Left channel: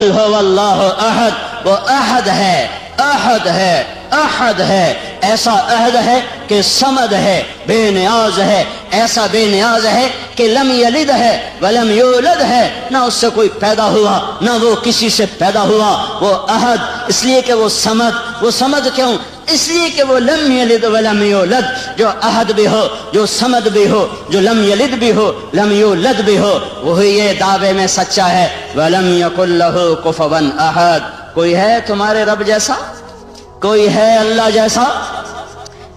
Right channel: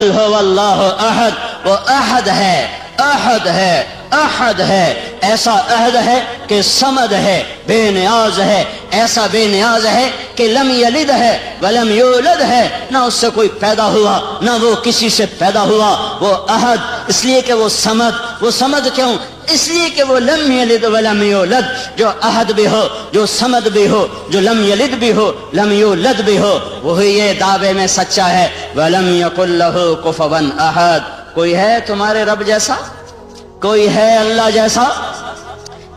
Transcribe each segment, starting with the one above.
اللہ احد، وہ احد ہے، احد ہے، احد ہے، ایسا احد ہے کہ صمد ہے، بے نیاز ہے، ایسا بے نیاز ہے کہ لم یلد ہے ولم یولد ہے، نہ اس سے کوئی پیدا ہوا نہ وہ کسی سے پیدا ہوا، وہ احد اس لیے کہ وہ صمد کیوں؟ اس لیے کہ وہ لم یلد ولم یولد، جو احد بھی ہو، جو صمد بھی ہو، جو لم یلد بھی ہو، لم یولد بھی ہو، وہی یہ دعوے میں سچا ہے وَلَمْ يَكُنْ لَهُ كُفُوًا أَحَدٌ۔ کوئی ہے تمہارے رب جیسا؟ کوئی ہے اللہ جیسا؟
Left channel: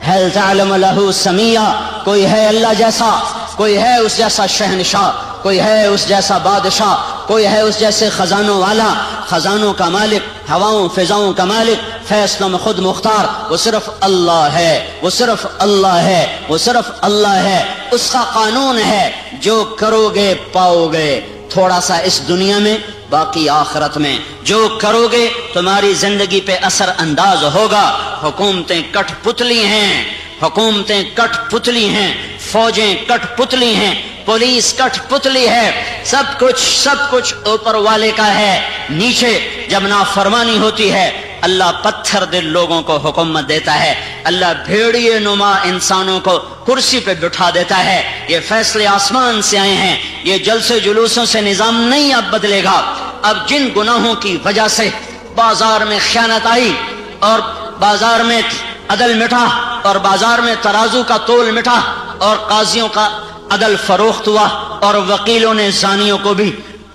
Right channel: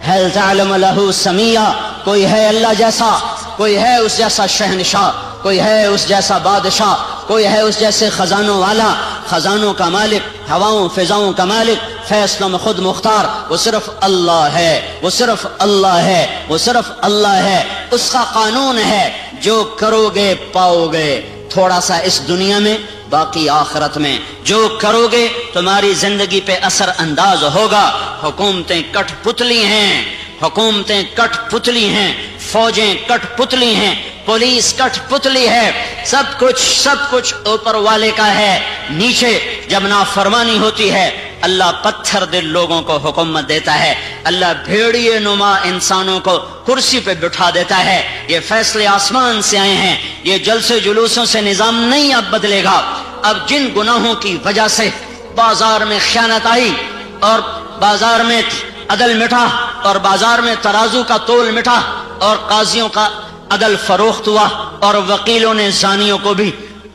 هل تعلم له سميا؟ کوئی ہے اللہ جیسا؟ کوئی ہے اس جیسا شہنشاہ؟ کوئی ہے اس جیسا بادشاہ؟ کوئی ہے اس جیسے خزانوں والا، خزانوں کا مالک، ہواؤں فضاؤں کا مالک، فیصلوں میں خود مختار؟ وہ صرف اللہ ہے، وہ صرف اللہ ہے، وہ صرف اللہ ہے۔ اس کا قانون ہے جو کرو گے پاؤ گے، تھوڑا سا اس دنیا میں باقی آخرت میں۔ جو کرو گے تمہاری زندگی پہ اثر انداز ہوگا۔ حکومتیں کٹ پتلی ہیں، حکومتیں کٹ پتلی ہیں، فوجیں کٹ پتلی ہیں، پولیس کٹ پتلی ہے، سب کچھ اوپر والے کا ہے۔ نیچے جب نافرمانی ہوتی ہے اللہ پتھر دل لوگوں کو حکومت دیتا ہے، اللہ بھیڑیے نما انسانوں کو کرسی پہ بٹھا دیتا ہے۔ یہ فیصلے آسمان سے آئے ہیں، یہ جلسے جلوسوں سے نظام نہیں اب بدلے گا۔ اب جن گناہوں کی وجہ سے بازار میں خیانت آئی اور بازار میں عدل مٹا اور بازار میں ترازو کا تول مٹا اور قاضیوں کا عدل فروخت ہوا اور وکیلوں نے زانیوں کو بھی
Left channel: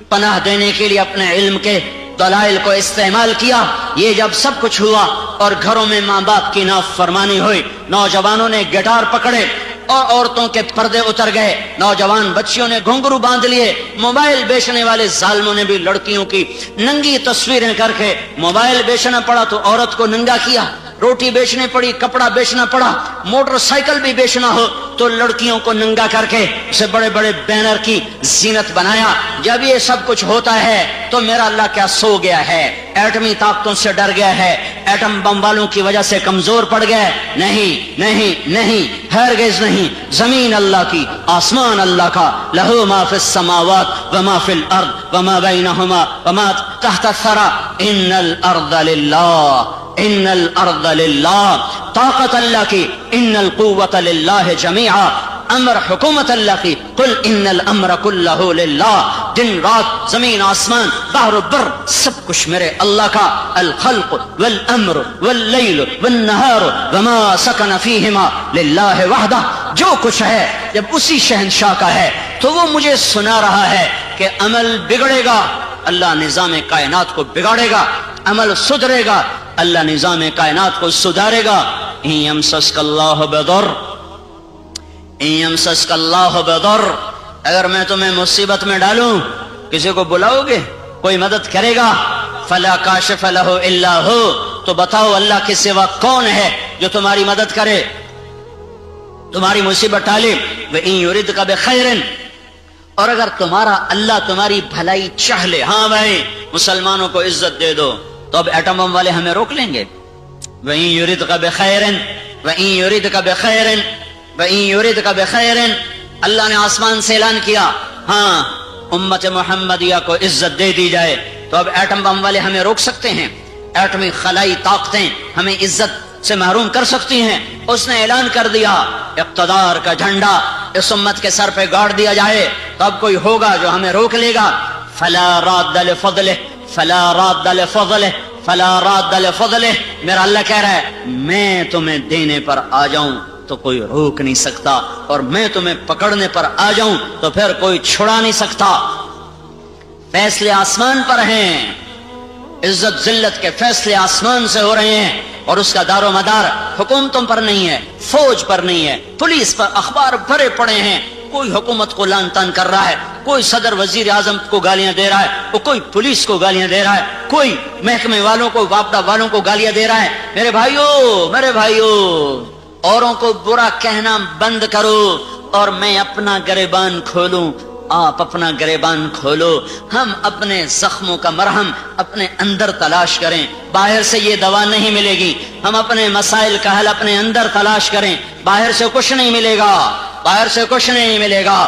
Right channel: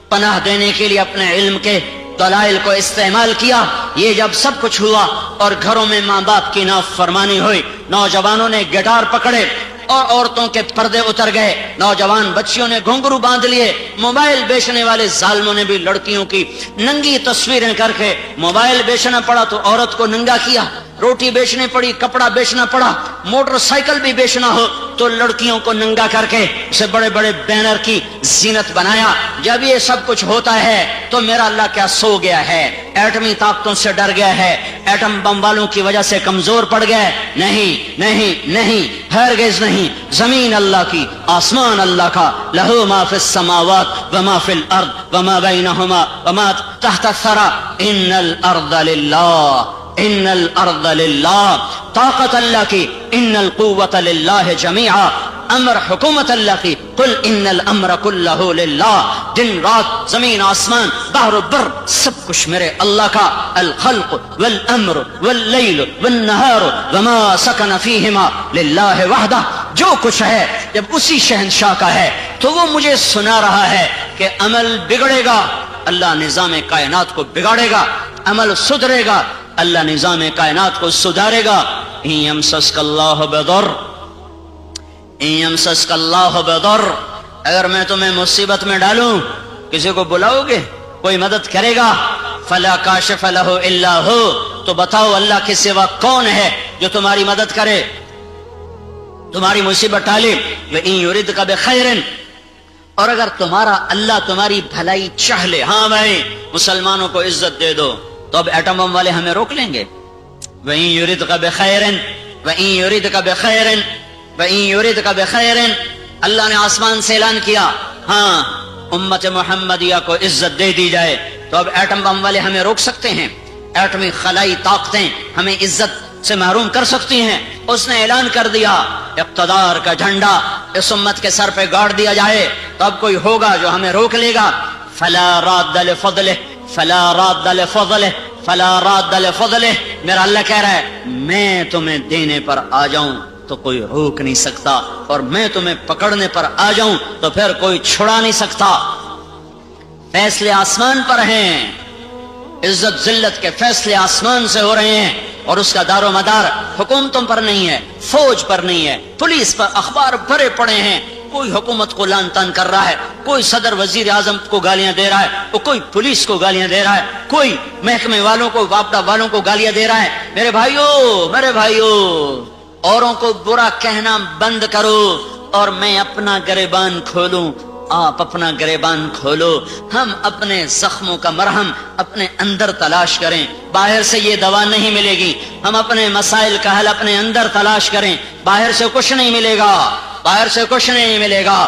پناہ دینے کے لیے اپنے علم کے دلائل کو استعمال کیا، یہ جب سب کچھ ہوا اور گھروں میں ماں باپ کی نافرمانی ہوئی، نوجوانوں نے گٹار پکڑے اور عورتوں کے پردے اتر گئے، نوجوان بچیوں نے گھنگرو باندھ لیے، موبائل بیچنے والے ظالموں نے بھی لڑکیوں کی ننگی تصویریں کر کے، موبائل بیچنا پڑا تو عورت کو ننگا کیا، روٹی بیچنی پڑی، کپڑا بیچنا پڑا، موٹر سائیکل بھی بیچنا ہو تو لڑکیوں کو ننگا کر کے اسے بڑے بڑے بینر کی زینت بنایا۔ جب یہ سب کچھ ہوتا ہے تو میرا اللہ کیا سو گیا ہے؟ ایٹمی طاقتوں سے ڈر گیا ہے؟ ایٹم بم والوں کی وجہ سے کمزور پڑ گئے؟ نہیں نہیں نہیں، ہرگز نہیں۔ زمین اللہ کی، آسمان اللہ کا، لہو ما فی السماوات وما فی الارض وما بینہما وما تحت الثری، ان الارض للہ، ان الارض للہ، طاقت اللہ کی، ان القوت للہ جمیعا، امر حکومت اللہ کی، قل ان الامر کلہ للہ، دن رات زمین آسمان بحر و بر سب کچھ میرے اللہ کا، الخلق والامر واللیل والنہار وما سکن فیہما للہ وحدہ، جو کچھ ہے جب اسی شہنشاہ کا ہے تو وہ مجھے سنا رہا ہے کہ عمل بگڑے گا اللہ نظام کائنات کو بگاڑے گا، عمل سدھرے گا اللہ نظام کائنات کو سدھارے گا۔ ان یمسسک اللہ بضر، ان یمسسک اللہ بضر، اگر میں تمہیں مصیبت میں ڈالوں کسی کو بلاؤ گے؟ کوئی مدد کرے گا؟ فلا کاشف لہ الا ہو، تو بتاؤ اللہ کے سوا کون ہے جو تمہاری مدد کرے، تمہاری مصیبت ٹالے؟ وَإِن يُرِدْكَ بِخَيْرٍ، اور اگر تمہارا اللہ تمہاری بھلائی چاہ لے، ہاں بھائی مسلمانوں کو عزت دے دو، تو اب ایٹم بم والے ہمیں روک لیں گے؟ وَإِن يُرِدْكَ بِخَيْرٍ، وَإِن يُرِدْكَ بِخَيْرٍ، وَإِن يُرِدْكَ بِخَيْرٍ، اللہ نے آسمان سے اعلان کیا ہاں امت محمدیہ کو عزت دے دی جائے، تو اب ایٹم بم والے ہمیں روک سکتے ہیں؟ ایٹمی خلائی طاقتیں ہمیں عزت سے محروم کر سکتی ہیں؟ اس نے اعلان کر دیا اقتدار کا جھنڈا اس امت کے سر پہ گاڑ دیا جائے، تو اب کوئی ہوگا جو ہمیں روک لے گا؟ فلا راد لفضلہ، فلا راد لفضلہ، فلا راد لفضلہ، میرا اللہ کہہ رہا ہے میں تمہیں دینے پر آ جاؤں تو کوئی روک نہیں سکتا، اور میں تمہیں پکڑنے پر آ جاؤں تو پھر کوئی چھڑا نہیں سکتا۔ فیصلے آسمان پر ہیں، عزت ذلت کے فیصلے آسمان سے ہو رہے ہیں، اور اس کا دار و مدار حکومتوں پر نہیں ہے، فوج پر نہیں ہے، پولیس پر، اخبار بھرے پڑے ہیں، کوئی حکومت کو لان تان کر رہا ہے، کوئی صدر وزیر اعظم کو گالیاں دے رہا ہے، کوئی پولیس کو گالیاں دے رہا ہے، کوئی محکمے والوں کو، واپڈا والوں کو گالیاں دے رہا ہے۔ میرے بھائیو اوروں کو برا کہنا بند کرو اور میں اپنا گریبان کھولوں، آپ اپنا گریبان کھولو، ہم اپنے زخموں کا مرہم اپنے اندر تلاش کریں، باہر سے یہ دوا نہیں ملے گی، ہم اپنے مسائل کا حل اپنے اندر تلاش کریں، باہر سے کچھ نہیں ملے گا، باہر سے کچھ نہیں ملے گا۔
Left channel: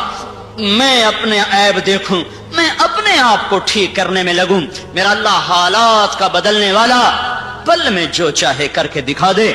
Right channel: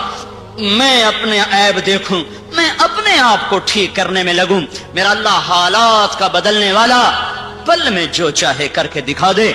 میں اپنے عیب دیکھوں، میں اپنے آپ کو ٹھیک کرنے میں لگوں. میرا اللہ حالات کا بدلنے والا، پل میں جو چاہے کر کے دکھا دے.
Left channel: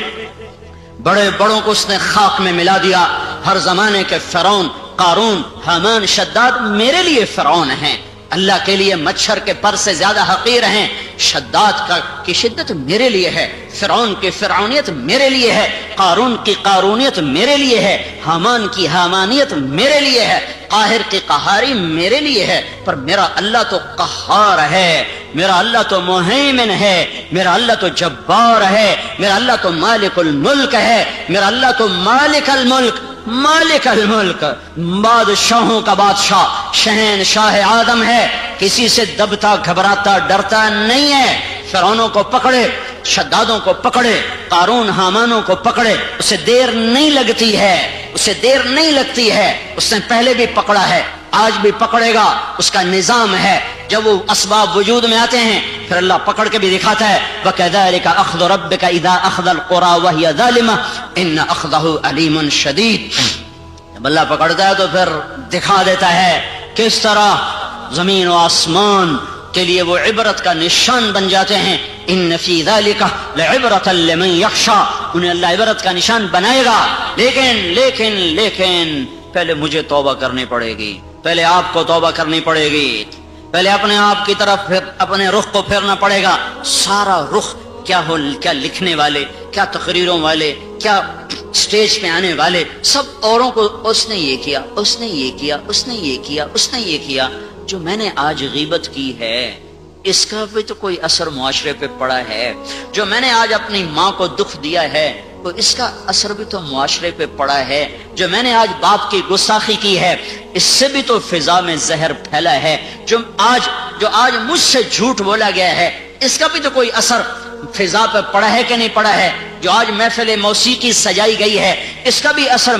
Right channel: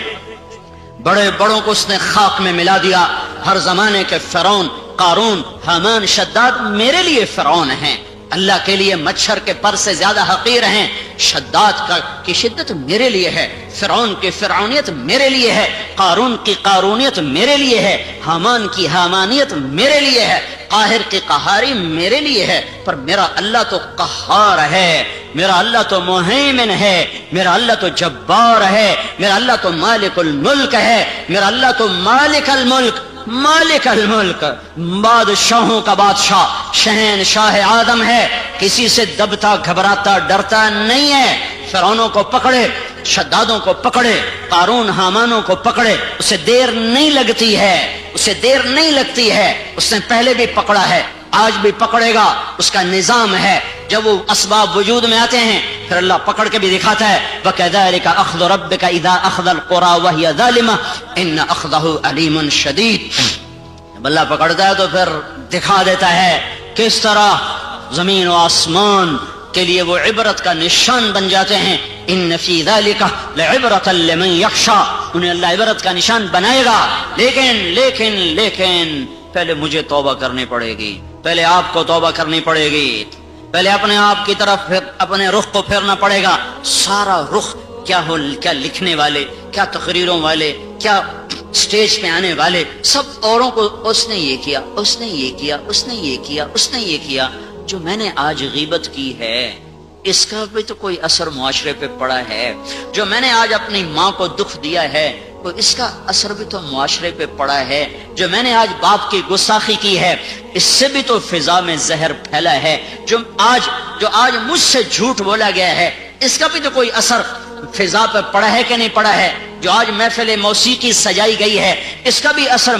بڑے بڑوں کو اس نے خاک میں ملا دیا. ہر زمانے کے فرعون، قارون، حامان، شداد میرے لیے فرعون ہیں. اللہ کے لیے مچھر کے پر سے زیادہ حقیر ہیں. شداد کی شدت میرے لیے ہے، فرعون کی فرعونیت میرے لیے ہے، قارون کی قارونیت میرے لیے ہے، حامان کی حامانیت میرے لیے ہے، قاہر کی قہاری میرے لیے ہے. پر میرا اللہ تو قہار ہے، میرا اللہ تو مہیمن ہے، میرا اللہ تو جبار ہے، میرا اللہ تو مالک الملک ہے، میرا اللہ تو مالک الملک، مالک الملک، بادشاہوں کا بادشاہ، شہنشاہ آدم ہے. کسی سے دبتا گھبراتا ڈرتا نہیں ہے. فرعونوں کو پکڑے، شدادوں کو پکڑے، قارون حامانوں کو پکڑے، اسے دیر نہیں لگتی ہے، اسے دیر نہیں لگتی ہے. اس نے پہلے بھی پکڑا ہے، آج بھی پکڑے گا. اس کا نظام ہے. جب وہ اسباب وجود میں آتے ہیں پھر اللہ پکڑ کے بھی دکھاتا ہے. وَكَذَلِكَ أَخْذُ رَبِّكَ إِذَا أَخْذَ الْقُرَى وَهِيَ ظَالِمَةٌ إِنَّ أَخْذَهُ أَلِيمٌ شَدِيدٌ. جب اللہ پکڑتا ہے تو پھر دکھا دیتا ہے کس طرح زمین و آسمان کے لیے وہ عبرت کا نشان بن جاتے ہیں. ان فی ذلک لعبرۃ لمن یخشی، انہیں اللہ عبرت کا نشان بنائے گا. لیکن پہلے مجھے توبہ کرنی پڑے گی، پہلے آپ کو توبہ کرنی پڑے گی، پہلے اپنے آپ کی طرف اپنے رخ کو پھیرنا پڑے گا. سارا رخ کیا لکھنے والے، کیا تقریروں والے، کیا اسٹیج پہ آنے والے، سب اوروں کو اس نے یہ کیا، اس نے یہ کیا، اس نے یہ کیا، اس نے یہ کیا. جو میں نے آج غیبت کی ہے اس کا بھی تو کوئی اثر معاشرے پہ پڑا ہے. جو میں نے آج اپنی ماں کو دکھ دیا ہے تو اس کا اثر بھی تو معاشرے پہ پڑا ہے. جو میں نے آج باپ کی گستاخی کی ہے اس سے بھی تو فضا میں زہر پھیلا ہے. جو آج مجھ سے جھوٹ بولا گیا ہے اس کا بھی تو کوئی اثر فضا پہ پڑا ہے کہ نہیں پڑا ہے. جو آج محفل موسیقی سجائی گئی ہے اس کا بھی اثر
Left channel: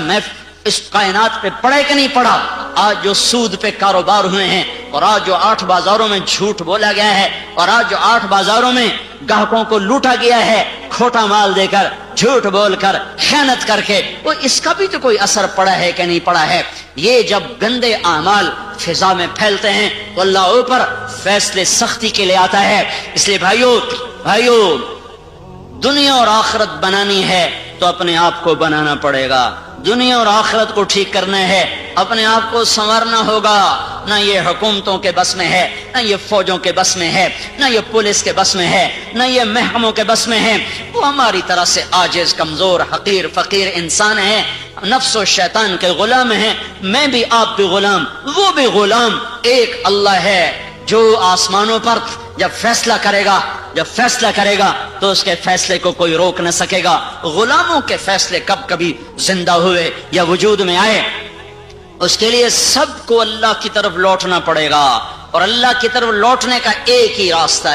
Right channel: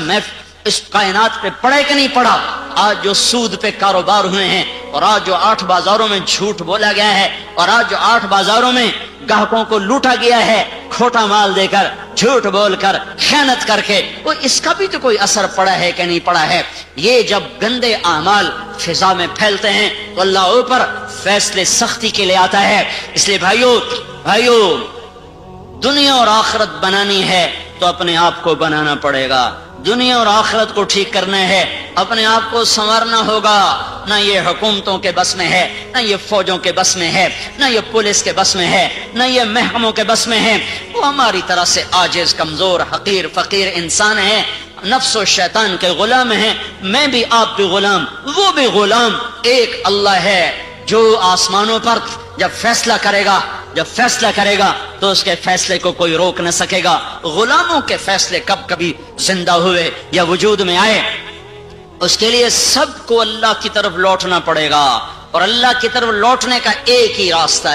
اس کائنات پہ پڑے کہ نہیں پڑا. آج جو سود پہ کاروبار ہوئے ہیں اور آج جو 8 بازاروں میں جھوٹ بولا گیا ہے اور آج جو 8 بازاروں میں گاہکوں کو لوٹا گیا ہے کھوٹا مال دے کر، جھوٹ بول کر، خیانت کر کے، وہ اس کا بھی تو کوئی اثر پڑا ہے کہ نہیں پڑا ہے. یہ جب گندے اعمال فضا میں پھیلتے ہیں تو اللہ اوپر فیصلے سختی کے لیے آتا ہے. اس لیے بھائیو دنیا اور آخرت بنانی ہے تو اپنے آپ کو بنانا پڑے گا. دنیا اور آخرت کو ٹھیک کرنا ہے، اپنے آپ کو سنورنا ہوگا. نہ یہ حکومتوں کے بس میں ہے، نہ یہ فوجوں کے بس میں ہے، نہ یہ پولیس کے بس میں ہے، نہ یہ محکموں کے بس میں ہے. وہ ہماری طرح سے عاجز، کمزور، حقیر، فقیر انسان ہے، نفس و شیطان کے غلام ہیں. میں بھی، آپ بھی غلام، وہ بھی غلام. ایک اللہ ہے جو آسمانوں پر جب فیصلہ کرے گا تو اس کے فیصلے کو کوئی روک نہ سکے گا. غلاموں کے فیصلے کبھی زندہ ہوئے یا وجود میں آئے، اس کے لیے سب کو اللہ کی طرف لوٹنا پڑے گا. اور اللہ کی طرف لوٹنے کا ایک ہی راستہ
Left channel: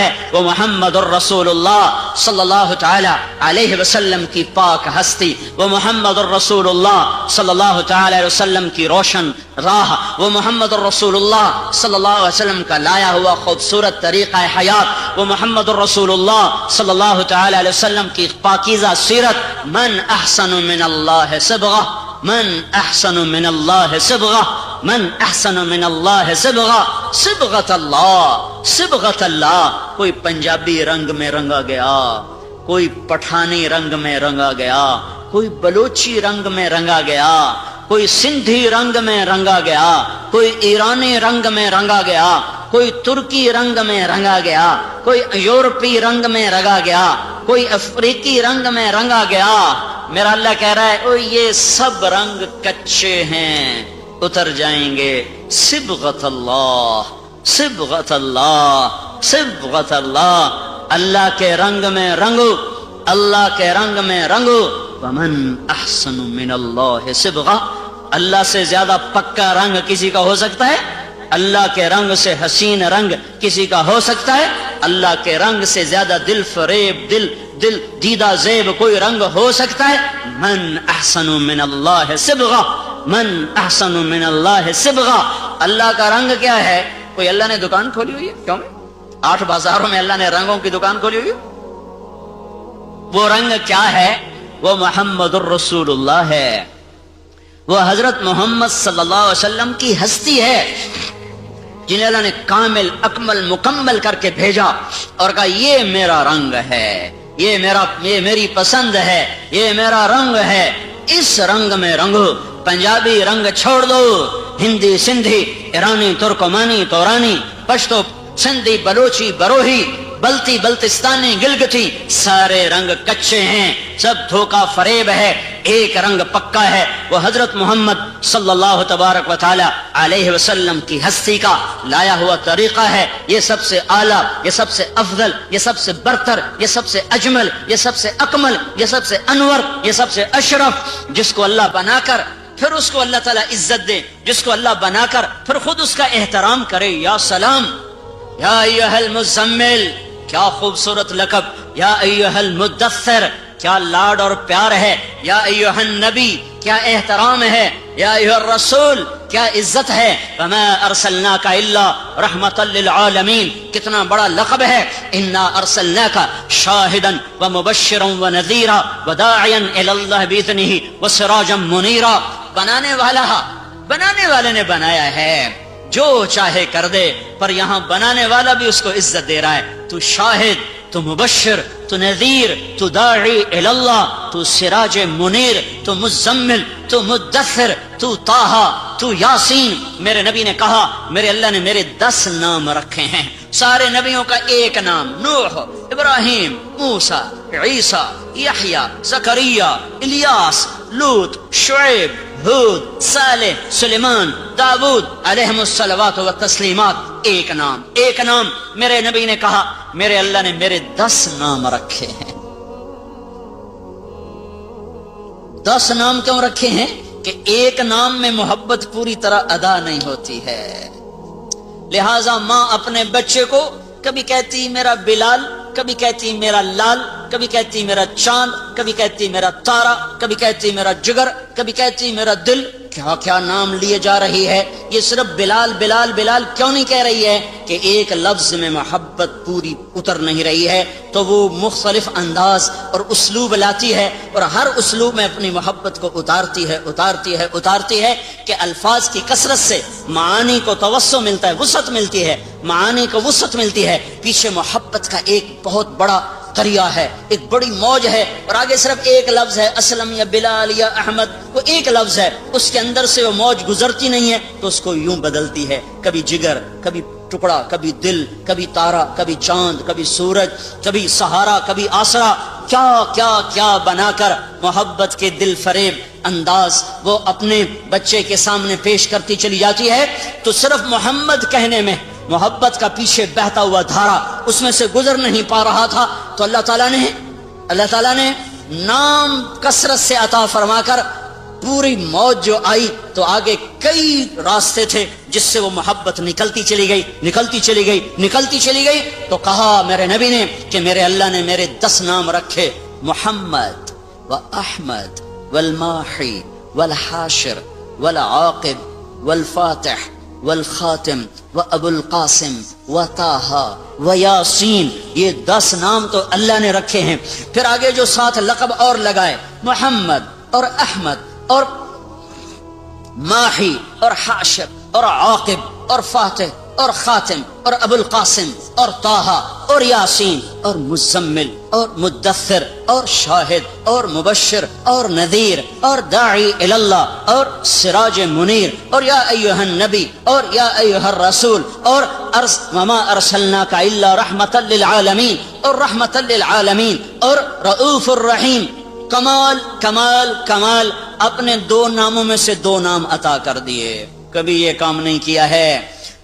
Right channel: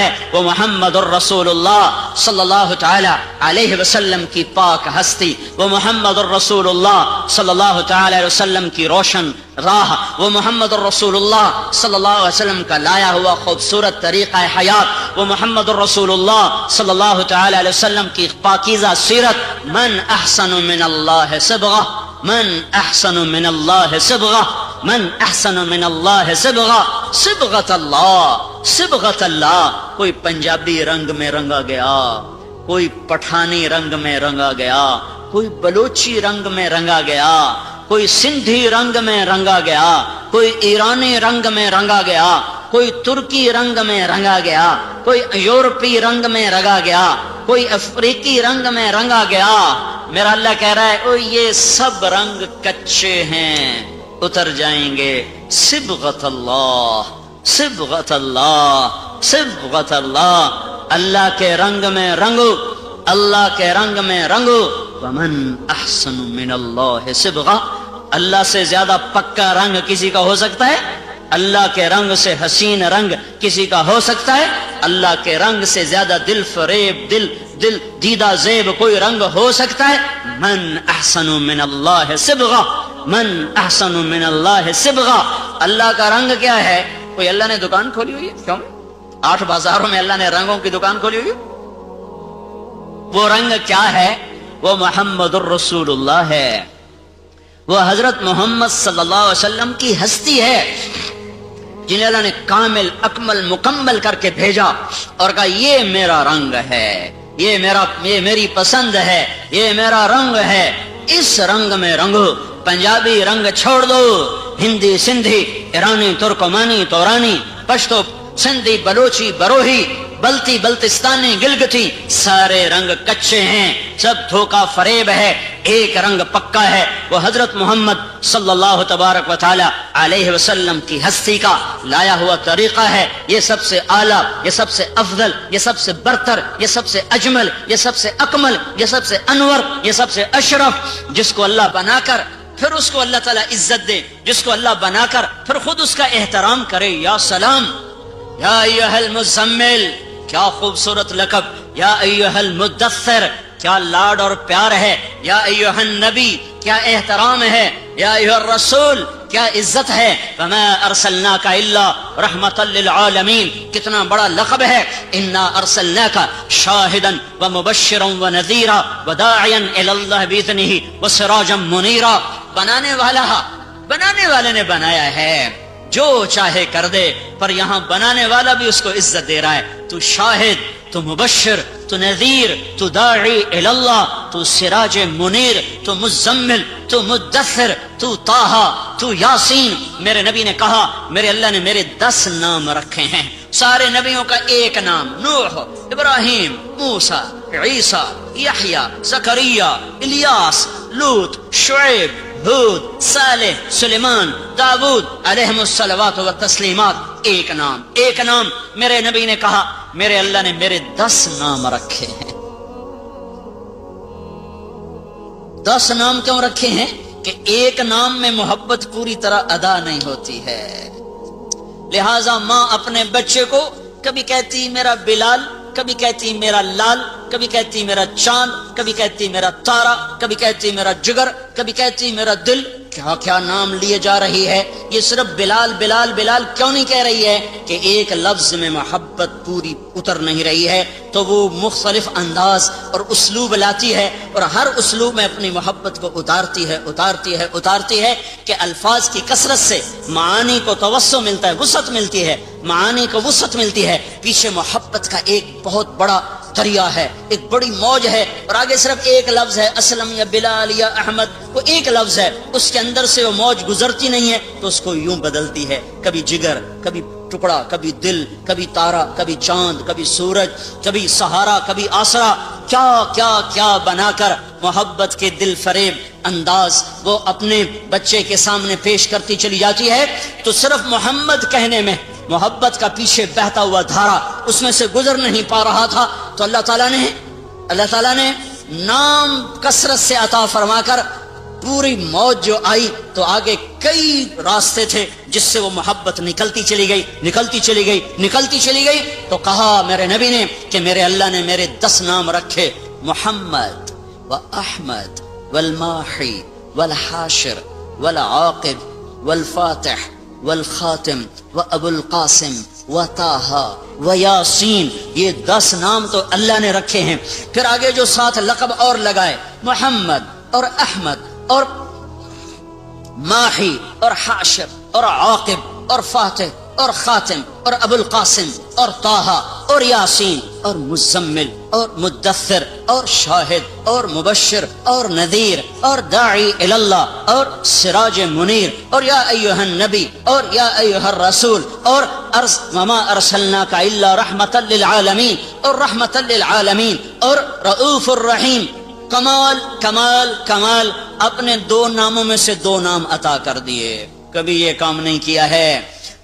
ہے، وہ محمد الرسول اللہ صلی اللہ تعالی علیہ وسلم کی پاک ہستی، وہ محمد الرسول اللہ صلی اللہ تعالی علیہ وسلم کی روشن راہ، وہ محمد الرسول اللہ صلی اللہ علیہ وسلم کا لایا ہوا خوبصورت طریقہ حیات، وہ محمد الرسول اللہ صلی اللہ تعالی علیہ وسلم کی پاکیزہ سیرت. من احسن من اللہ صبغہ، من احسن من اللہ صبغہ، من احسن من اللہ صبغہ، صبغۃ اللہ. کوئی پنجابی رنگ میں رنگا گیا، کوئی پٹھانی رنگ میں رنگا گیا، کوئی بلوچی رنگ میں رنگا گیا، کوئی سندھی رنگ میں رنگا گیا، کوئی ایرانی رنگ میں رنگا گیا، کوئی ترکی رنگ میں رنگا گیا، کوئی یورپی رنگ میں رنگا گیا، کوئی افریقی رنگ میں رنگا گیا. میرا اللہ کہہ رہا ہے او یہ سب رنگ کچے ہیں، اتر جائیں گے. صبغۃ اللہ، صبغۃ اللہ، صبغۃ اللہ. اللہ کے رنگ میں رنگو، اللہ کے رنگ میں رنگو. ومن احسن من اللہ صبغہ، اللہ سے زیادہ پکا رنگ کسی کا ہو سکتا ہے؟ اللہ کے رنگ سے حسین رنگ کسی کا ہو سکتا ہے؟ اللہ کے رنگ سے زیادہ دل فریب، دل دیدہ زیب کوئی رنگ ہو سکتا ہے؟ من احسن من اللہ صبغہ، من احسن من اللہ صبغہ. اللہ کا رنگ کیا ہے؟ کوئی اللہ نے دکان کھولی ہوئی ہے؟ کیوں؟ 8 بازاروں میں اللہ نے رنگوں کی دکان کھولی ہوئی ہے. وہ رنگ کیا ہے؟ وہ محمد الرسول اللہ ہے، وہ حضرت محمد صلی اللہ علیہ وسلم کی ہستی ہے جنہیں اللہ نے کامل اکمل مکمل کر کے بھیجا اور کہا یہ میرا رنگ ہے، یہ میری پسند ہے، یہ میرا رنگ ہے، اس رنگ میں رنگو، پنجابی رنگ چھوڑ دو، ہندی سندھی ایرانی ترکمانی تورانی پشتو سندھی بلوچی بروہی بلتی بلتستانی گلگتی، سارے رنگ کچے ہیں، سب دھوکہ فریب ہے، ایک رنگ پکا ہے، وہ حضرت محمد صلی اللہ تبارک و تعالی علیہ وسلم کی ہستی کا لایا ہوا طریقہ ہے۔ یہ سب سے اعلیٰ، یہ سب سے افضل، یہ سب سے برتر، یہ سب سے اجمل، یہ سب سے اکمل، یہ سب سے انور، یہ سب سے اشرف، جس کو اللہ بنا کر پھر اس کو اللہ تعالیٰ عزت دے، جس کو اللہ بنا کر پھر خود اس کا احترام کرے۔ یا سلام، یا ایھا المزمل، کیا خوبصورت لقب، یا ایھا المدثر، کیا لاڈ اور پیار ہے، یا ایھا النبی، کیا احترام ہے، یا ایھا الرسول، کیا عزت ہے، فما ارسلناک الا رحمتا للعالمین، کتنا بڑا لقب ہے، انا ارسلناک شاہدا ومبشرا ونذیرا وداعیا الی اللہ باذنہ وسراجا منیرا۔ بنانے والے نے بنایا ہے، جو چاہے کر دے، پر یہاں بنانے والا بھی اس کو عزت دے رہا ہے۔ تو شاہد، تو مبشر، تو نذیر، تو داعی الی اللہ، تو سراج منیر، تو مزمل، تو مدثر، تو طٰہٰ، تو یاسین۔ میرے نبی نے کہا میرے اللہ نے میرے 10 نام رکھے ہیں، سارے نبیوں کا ایک نام، نوح، ابراہیم، موسیٰ، عیسیٰ، یحییٰ، زکریا، الیاس، لوط، شعیب، ہود، صالح، سلیمان، داؤد علیہم الصلوات والتسلیمات۔ ایک نام میرے نبی نے کہا میرے اللہ نے میرے 10 نام رکھے ہیں۔ 10 نام کیوں رکھے ہیں؟ کہ ایک نام میں محبت پوری طرح ادا نہیں ہوتی ہے، لہذا ماں اپنے بچے کو کبھی کہتی میرا بلال، کبھی کہتی میرا لال، کبھی کہتی میرا چاند، کبھی کہتی میرا تارا، کبھی کہتی میرا جگر، کبھی کہتی میرا دل، کیا کیا نام لیے جا رہی ہے۔ یہ صرف بلال بلال بلال کیوں نہیں کہہ رہی ہے؟ کہ ایک لفظ میں محبت پوری اتر نہیں رہی ہے، تو وہ مختلف انداز اور اسلوب لاتی ہے، اور ہر اسلوب میں اپنی محبت کو اتارتی ہے کہ الفاظ کی کثرت سے معانی کو توسع ملتا ہے، وسعت ملتی ہے، معانی کو وسعت ملتی ہے۔ پیچھے محبت کا ایک بہت بڑا دریا ہے، ایک بڑی موج ہے، اور آگے صرف ایک لفظ ہے، اسلم یا بلال یا احمد، وہ ایک لفظ ہے، اس کے اندر سے وہ موج گزرتی نہیں ہے تو اس کو یوں بدلتی ہے، کبھی جگر، کبھی ٹکڑا، کبھی دل، کبھی تارا، کبھی چاند، کبھی سورج، کبھی سہارا، کبھی آسرا، کیا کیا کیا بنا کر محبت کے دل فریب انداز وہ اپنے بچے کے سامنے پیش کرتی چلی جاتی ہے۔ تو صرف محمد کہنے میں محبت کا پیچھے بہتا ہوا دھارا اس میں سے گزر نہیں پا رہا تھا، تو اللہ تعالیٰ نے نام کثرت سے عطا فرما کر پوری موج جو آئی تو آگے کئی راستے تھے جس سے وہ محبت نکلتی چلی گئی۔ تو کہا میرے نبی نے کہ میرے اللہ نے میرے 10 نام رکھے، محمد و احمد والماحی والحاشر والعاقب والفاتح والخاتم و ابو القاسم و طٰہٰ و یاسین۔ یہ 10 نام تو اللہ نے رکھے ہیں، پھر آگے جو 7 لقب اور لگائے، محمد اور احمد اور ماحی اور حاشر اور عاقب اور فاتح اور خاتم اور ابو القاسم اور طٰہٰ اور یاسین اور مزمل اور مدثر اور شاہد اور مبشر اور نذیر اور داعی الی اللہ اور سراج منیر اور یا ایھا النبی اور یا ایھا الرسول اور وما ارسلناک الا رحمتا للعالمین اور رحمتا للعالمین اور رؤوف الرحیم۔ کمال اپنے 2 ناموں میں سے 2 نام عطا کر دیے، کبھی یہ کام نہیں کیا ہے،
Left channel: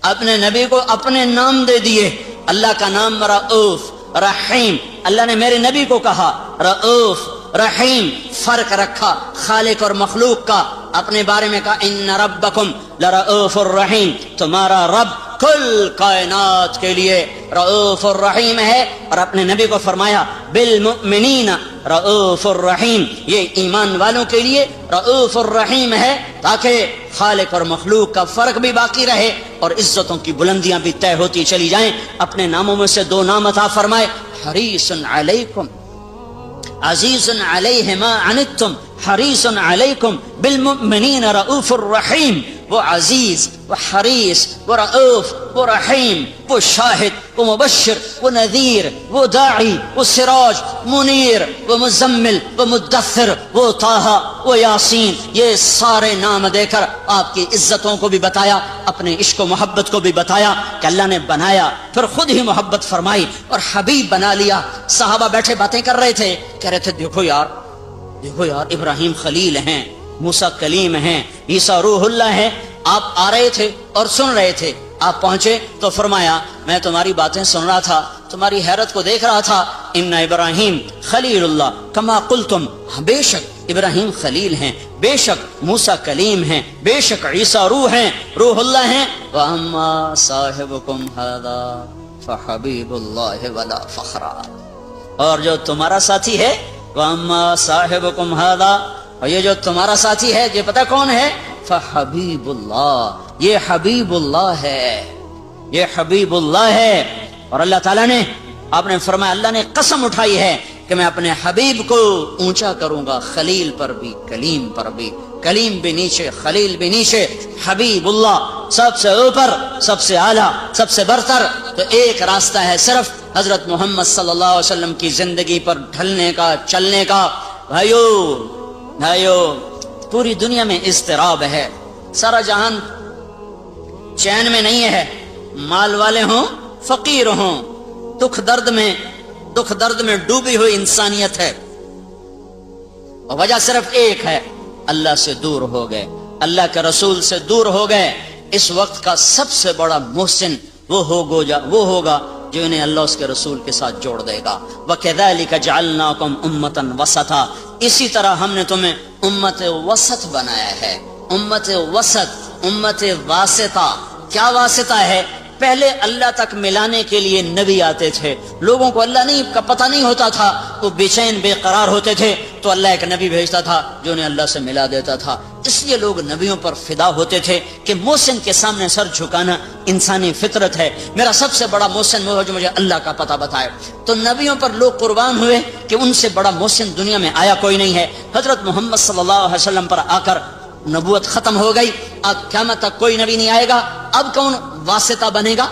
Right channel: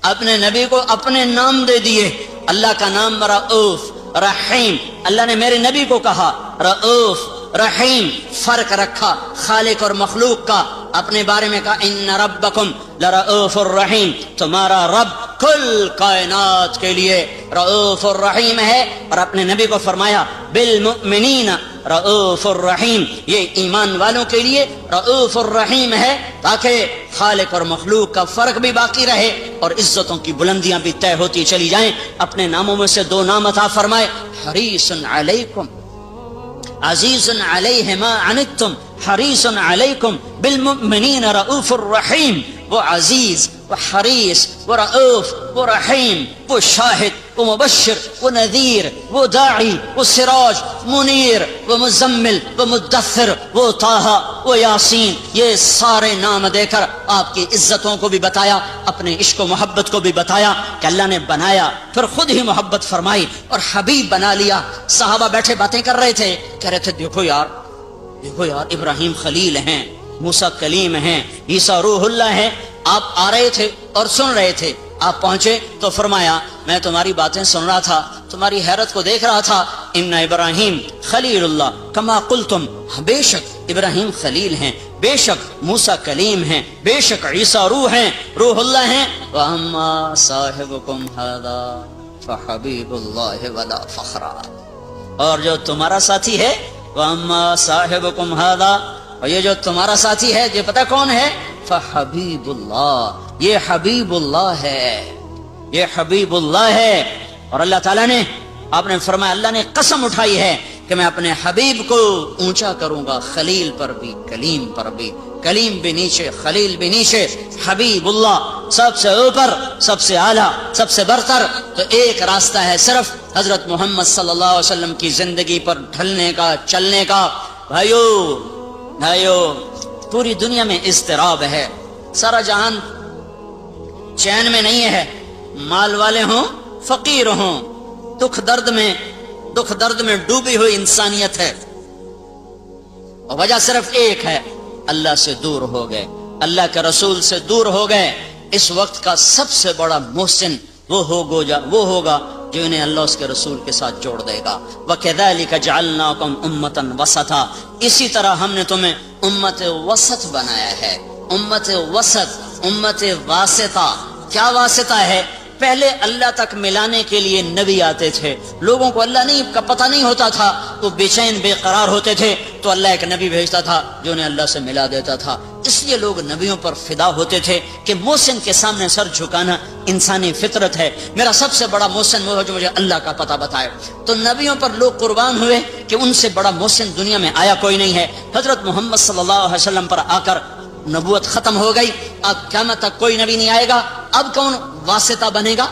اپنے نبی کو اپنے نام دے دیے۔ اللہ کا نام رؤوف رحیم، اللہ نے میرے نبی کو کہا رؤوف رحیم، فرق رکھا خالق اور مخلوق کا، اپنے بارے میں کہا ان ربکم لرؤوف الرحیم، تمہارا رب کل کائنات کے لیے رؤوف الرحیم ہے، اور اپنے نبی کو فرمایا بالمؤمنین رؤوف الرحیم، یہ ایمان والوں کے لیے رؤوف الرحیم ہے، تاکہ خالق اور مخلوق کا فرق بھی باقی رہے اور عزتوں کی بلندیاں بھی طے ہوتی چلی جائیں۔ اپنے ناموں میں سے 2 نام عطا فرمائے، حریص علیکم عزیز علیہ ما عنتم حریص علیکم بالمؤمنین رؤوف الرحیم، وہ عزیز، وہ حریص، وہ رؤوف، وہ رحیم، وہ شاہد، وہ مبشر، وہ نذیر، وہ داعی، وہ سراج منیر، وہ مزمل، وہ مدثر، وہ طٰہٰ، وہ یاسین، یہ سارے نام دے کر آپ کی عزتوں کو بھی بتایا، اپنے عشق و محبت کو بھی بتایا کہ اللہ نے بنایا، پھر خود ہی محبت فرمائی اور حبیب بنا لیا۔ صحابہ بیٹھے باتیں کر رہے تھے، کہہ رہے تھے دیکھو یار ابراہیم خلیل ہیں، موسیٰ کلیم ہیں، عیسیٰ روح اللہ ہیں۔ آپ آ رہے تھے اور سن رہے تھے، آپ پہنچے تو فرمایا میں تمہاری باتیں سن رہا تھا، تمہاری حیرت کو دیکھ رہا تھا۔ ان ابراہیم خلیل اللہ کما قلتم، بے شک ابراہیم خلیل ہیں، بے شک موسیٰ کلیم ہیں، بے شک عیسیٰ روح اللہ ہیں۔ واما صاحبکم ھذا فحبیب اللہ ولا فخرا، اور جو تمہارا ساتھی ہے، واما صاحبکم ھذا، اور یہ جو تمہارا ساتھی ہے یہ پتہ کون ہے؟ فحبیب اللہ، یہ حبیب اللہ ہے، یہ حبیب اللہ ہے۔ اور اللہ تعالیٰ نے، آپ نے فرمایا اللہ نے قسم اٹھائی ہے کہ میں اپنے حبیب کو اونچا کروں گا، خلیل پر بھی کلیم پر بھی، کلیم بھی نیچے خلیل بھی نیچے، حبیب اللہ سب سے اوپر، سب سے اعلیٰ، سب سے برتر۔ تو ایک راستہ ہے صرف حضرت محمد صلی اللہ علیہ وسلم کی زندگی پر ڈھلنے کا، چلنے کا۔ بھائیو پوری دنیا میں اضطراب ہے، سارا جہان چین میں نہیں ہے، مال والے ہوں فقیر ہوں، دکھ درد میں ڈوبی ہوئی انسانیت ہے، اور وجہ صرف ایک ہے، اللہ سے دور ہو گئے، اللہ کے رسول سے دور ہو گئے۔ اس وقت کا سب سے بڑا محسن وہ ہوگا جو انہیں اللہ اس کے رسول کے ساتھ جوڑ دے گا۔ وَكَذَلِكَ جَعَلْنَاكُمْ أُمَّةً وَسَطًا، اسی طرح ہم نے تمہیں امت وسط بنایا ہے۔ امت وسط، امت واسطہ، کیا واسطہ ہے؟ پہلے اللہ تک ملانے کے لیے نبی آتے تھے، لوگوں کو اللہ کا پتہ نہیں ہوتا تھا، وہ بے چین بے قرار ہوتے تھے، تو اللہ ایک نبی بھیجتا تھا جو انہیں اللہ سے ملا دیتا تھا۔ اس لیے لوگ نبیوں پر فدا ہوتے تھے کہ محسن کے سامنے سر جھکانا انسانی فطرت ہے، میرا سب سے بڑا محسن وہ ہے جو مجھے اللہ کا پتہ بتائے۔ تو نبیوں پر لوگ قربان ہوئے کہ ان سے بڑا محسن دنیا میں آیا کوئی نہیں ہے۔ حضرت محمد صلی اللہ علیہ وسلم پر آ کر نبوت ختم ہو گئی، اب قیامت تک کوئی نبی نہیں آئے گا۔ اب کون واسطہ بنے گا؟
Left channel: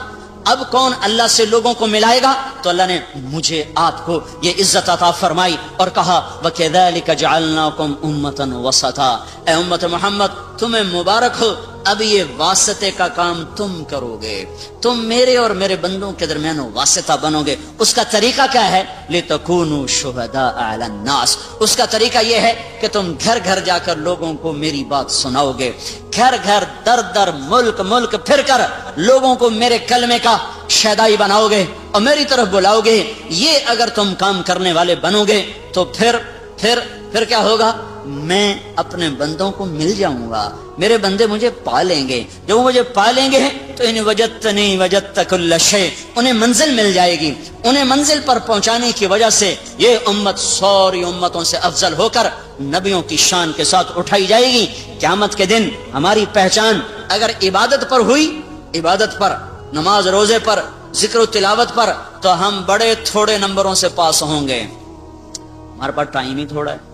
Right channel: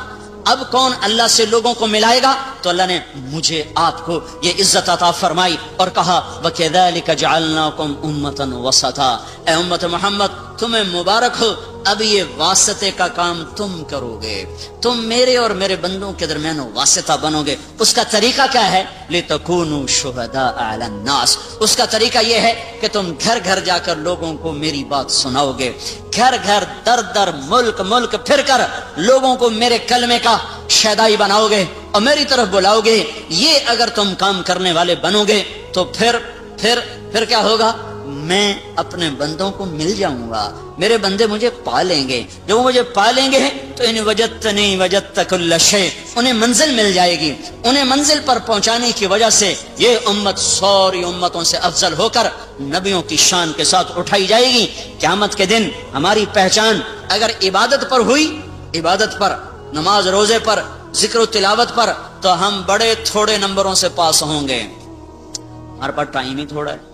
اب کون اللہ سے لوگوں کو ملائے گا؟ تو اللہ نے مجھے آپ کو یہ عزت عطا فرمائی اور کہا وَكَذَلِكَ جَعَلْنَاكُمْ أُمَّةً وَسَطًا، اے امت محمد تمہیں مبارک ہو، اب یہ واسطے کا کام تم کرو گے، تم میرے اور میرے بندوں کے درمیان واسطہ بنو گے۔ اس کا طریقہ کیا ہے؟ لِتَكُونُوا شُهَدَاءَ عَلَى النَّاسِ، اس کا طریقہ یہ ہے کہ تم گھر گھر جا کر لوگوں کو میری بات سناؤ گے، گھر گھر در در ملک پھر کر لوگوں کو میرے کلمے کا شیدائی بناؤ گے اور میری طرف بلاؤ گے۔ یہ اگر تم کام کرنے والے بنو گے تو پھر کیا ہوگا؟ میں اپنے بندوں کو مل جاؤں گا، میرے بندے مجھے پالیں گے، جب وہ مجھے پالیں گے تو ان وجدتنی وجدت کل شیء، انہیں منزل مل جائے گی، انہیں منزل پر پہنچانے کی وجہ سے یہ امت ساری امتوں سے افضل ہو کر نبیوں کی شان کے ساتھ اٹھائی جائے گی۔ قیامت کے دن ہماری پہچان اگر عبادت پر ہوئی، عبادت پر، نماز روزے پر، ذکر و تلاوت پر، تو ہم بڑے تھوڑے نمبروں سے پاس ہوں گے۔ ہمارے پاس ٹائم ہی تھوڑا ہے،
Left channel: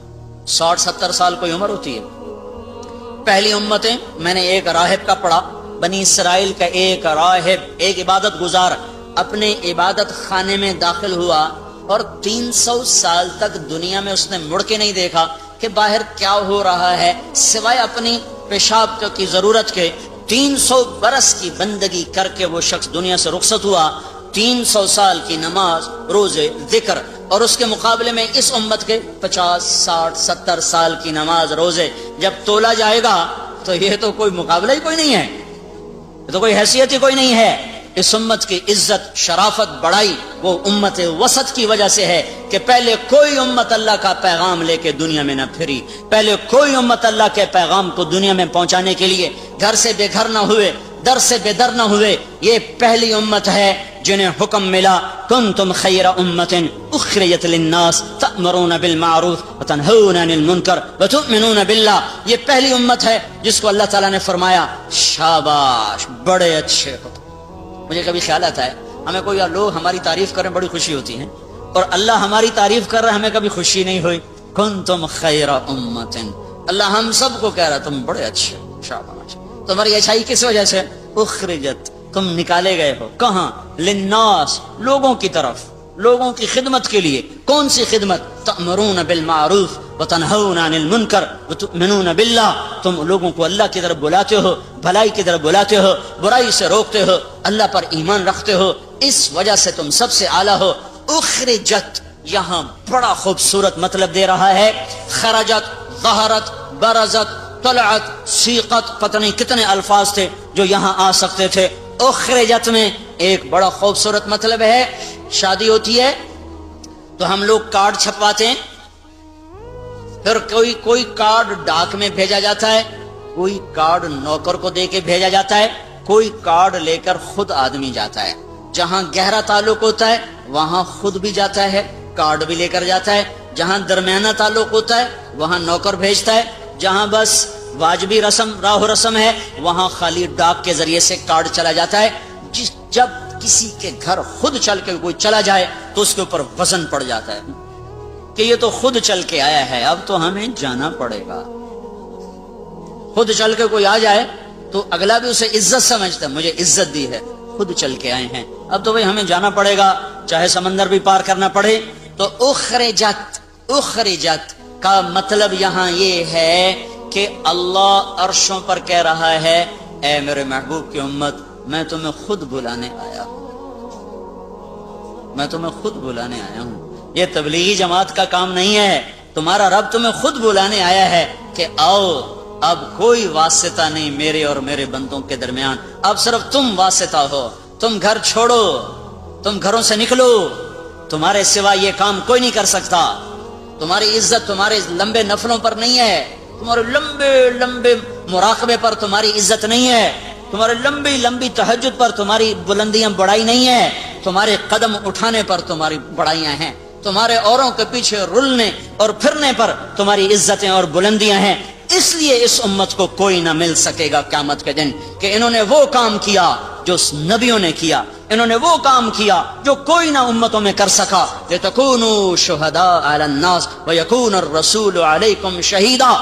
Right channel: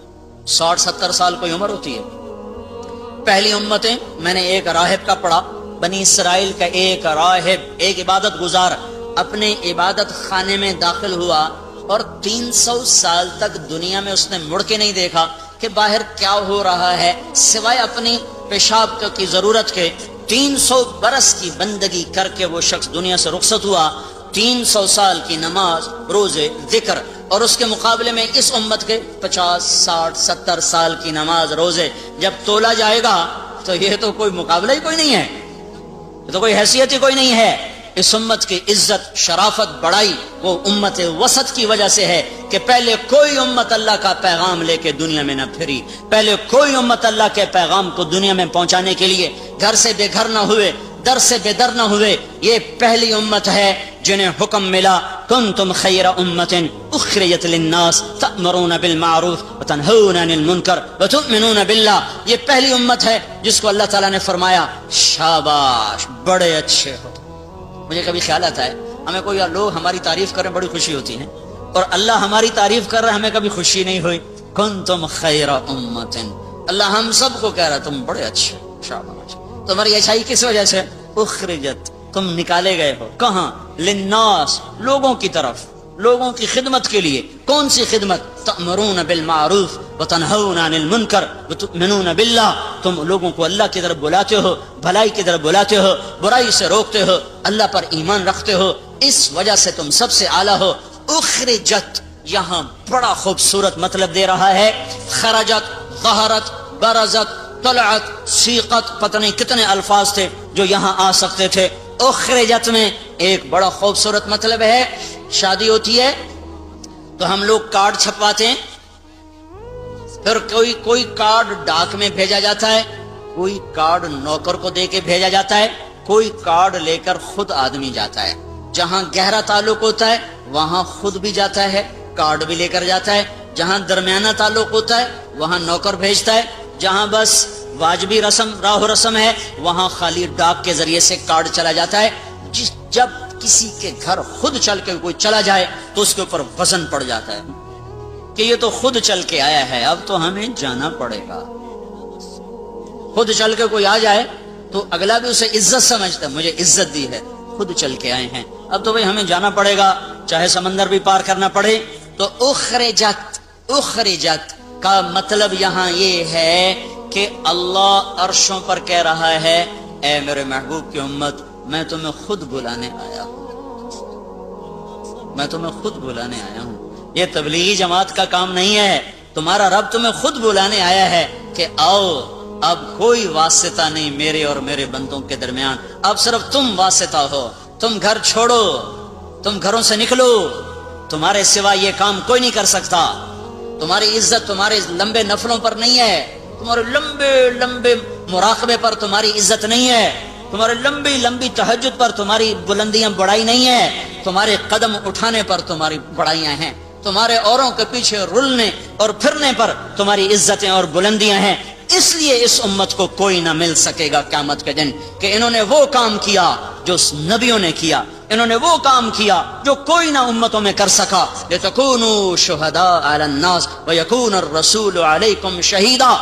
60-70 سال کوئی عمر ہوتی ہے۔ پہلی امتیں، میں نے ایک راہب کا پڑھا، بنی اسرائیل کا ایک راہب، ایک عبادت گزار اپنے عبادت خانے میں داخل ہوا اور 300 سال تک دنیا میں اس نے مڑ کے نہیں دیکھا کہ باہر کیا ہو رہا ہے، سوائے اپنی پیشاب کی ضرورت کے۔ 300 برس کی بندگی کر کے وہ شخص دنیا سے رخصت ہوا، 300 سال کی نماز، روزے، ذکر، اور اس کے مقابلے میں اس امت کے 50, 60, 70 سال کی نماز، روزے جب تولا جائے گا تو یہ تو کوئی مقابلہ ہی کوئی نہیں ہے، یہ تو کوئی حیثیت ہی کوئی نہیں ہے۔ اس امت کی عزت، شرافت، بڑائی وہ امت وسط کی وجہ سے ہے کہ پہلے کوئی امت اللہ کا پیغام لے کے دنیا میں نہ پھری، پہلے کوئی امت اللہ کے پیغام کو دنیا میں پہنچانے کے لیے گھر سے بے گھر نہ ہوئے، در سے بے در نہ ہوئے۔ یہ پہلی امت ہے جنہیں حکم ملا کنتم خیر امت اخرجت للناس تأمرون بالمعروف وتنہون عن المنکر وتؤمنون باللہ۔ یہ پہلی امت ہے جس کو اللہ تعالیٰ نے فرمایا شاباش، بڑے اچھے ہو۔ مجھے کبھی خیال آتا ہے ہمیں کوئی لوگ ہماری تعریف کریں بڑی خوشی ہوتی ہے، اور اللہ ہماری تعریف کر رہا ہے ہمیں کبھی خوشی نہیں ہوئی۔ کنتم خیر امت، اللہ ہم سب کو کہہ رہا تم بڑے اچھے شاباش۔ تمہاری اچھائی کس وجہ سے؟ اخرجت، تم نکالے گئے ہو کہاں؟ للناس، لوگوں کی طرف، لوگوں کی خدمت کے لیے۔ کون سی خدمت؟ تأمرون بالمعروف وتنہون عن المنکر وتؤمنون باللہ، تم لوگوں کو اللہ کی طرف بلاتے ہو، بھلائی کی طرف بلاتے ہو، برائی سے روکتے ہو، اللہ پر ایمان رکھتے ہو، اس وجہ سے تم سب سے اعلیٰ ہو۔ اخرجت یہاں بڑا خوبصورت مطلب دے رہا ہے، خرجت، ظہرت، برزت، طلعت، سیقت، پتہ نہیں کتنے الفاظ تھے جو یہاں آ سکتے تھے۔ اخرجت میں ایک بڑا خوبصورت مطلب ہے، شادی ہوتی ہے تو ہم لوگ کارڈ چھپواتے ہیں، پھر کوئی کارڈ ڈاک میں بھیجا جاتا ہے، کوئی کارڈ نوکر کو دے کے بھیجا جاتا ہے، کوئی کارڈ لے کر خود آدمی جاتا ہے۔ جہاں گہرا تعلق ہوتا ہے وہاں خود بھی جاتا ہے، کارڈ بھی لے کر جاتا ہے۔ جہاں درمیانہ تعلق ہوتا ہے وہاں نوکر بھیجتا ہے۔ جہاں بس واجبی رسم راہ رسم ہے وہاں خالی ڈاک کے ذریعے سے کارڈ چلا جاتا ہے۔ جب کسی کے گھر خود چل کے کوئی چلا جائے تو اس کے اوپر وزن پڑ جاتا ہے کہ یہ تو خود چل کے آیا ہے، اب تو ہمیں جانا پڑے گا۔ خود چل کے کوئی آ جائے تو اگلا بھی اسے عزت سمجھتا ہے، مجھے عزت دی ہے، خود چل کے آئے ہیں، اب تو بھئی ہمیں جانا پڑے گا، چاہے سمندر بھی پار کرنا پڑے۔ تو اخرجت کا مطلب یہاں یہ ہے کہ اللہ عرشوں پر کہہ رہا ہے اے میرے محبوب کی امت، میں تمہیں خود بلانے آیا ہوں، میں تمہیں خود بلانے آیا ہوں۔ یہ تبلیغی جماعت کا کام نہیں ہے، تمہارا رب تمہیں خود بلانے آیا ہے کہ آؤ، اب کوئی واسطہ نہیں میرے اور میرے بندوں کے درمیان، اب صرف تم واسطہ ہو۔ تم گھر چھوڑو، تم گھروں سے نکلو، تمہارے سوا یہ کام کوئی نہیں کر سکتا۔ تمہاری عزت تمہارے لمبے نفلوں پر نہیں ہے، تمہارے لمبے لمبے مراقبے پر تمہاری عزت نہیں ہے، تمہارے لمبی لمبی تہجد پر تمہاری بلندیاں بڑائی نہیں ہے، تمہارے قدم اٹھانے پر تمہاری بڑائیاں ہیں، تمہارے اوروں کے پیچھے رلنے اور پھرنے پر تمہاری عزتیں اور بلندیاں ہیں۔ اس لیے اس امت کو کوئی نہ مل سکے گا قیامت کے دن کہ انہوں نے وہ کام کیا جو نبیوں نے کیا، انہوں نے وہ کام کیا جو کوئی نہ امتوں میں کر سکا۔ لِتَكُونُوا شُهَدَاءَ عَلَى النَّاسِ وَيَكُونَ الرَّسُولُ عَلَيْكُمْ شَهِيدًا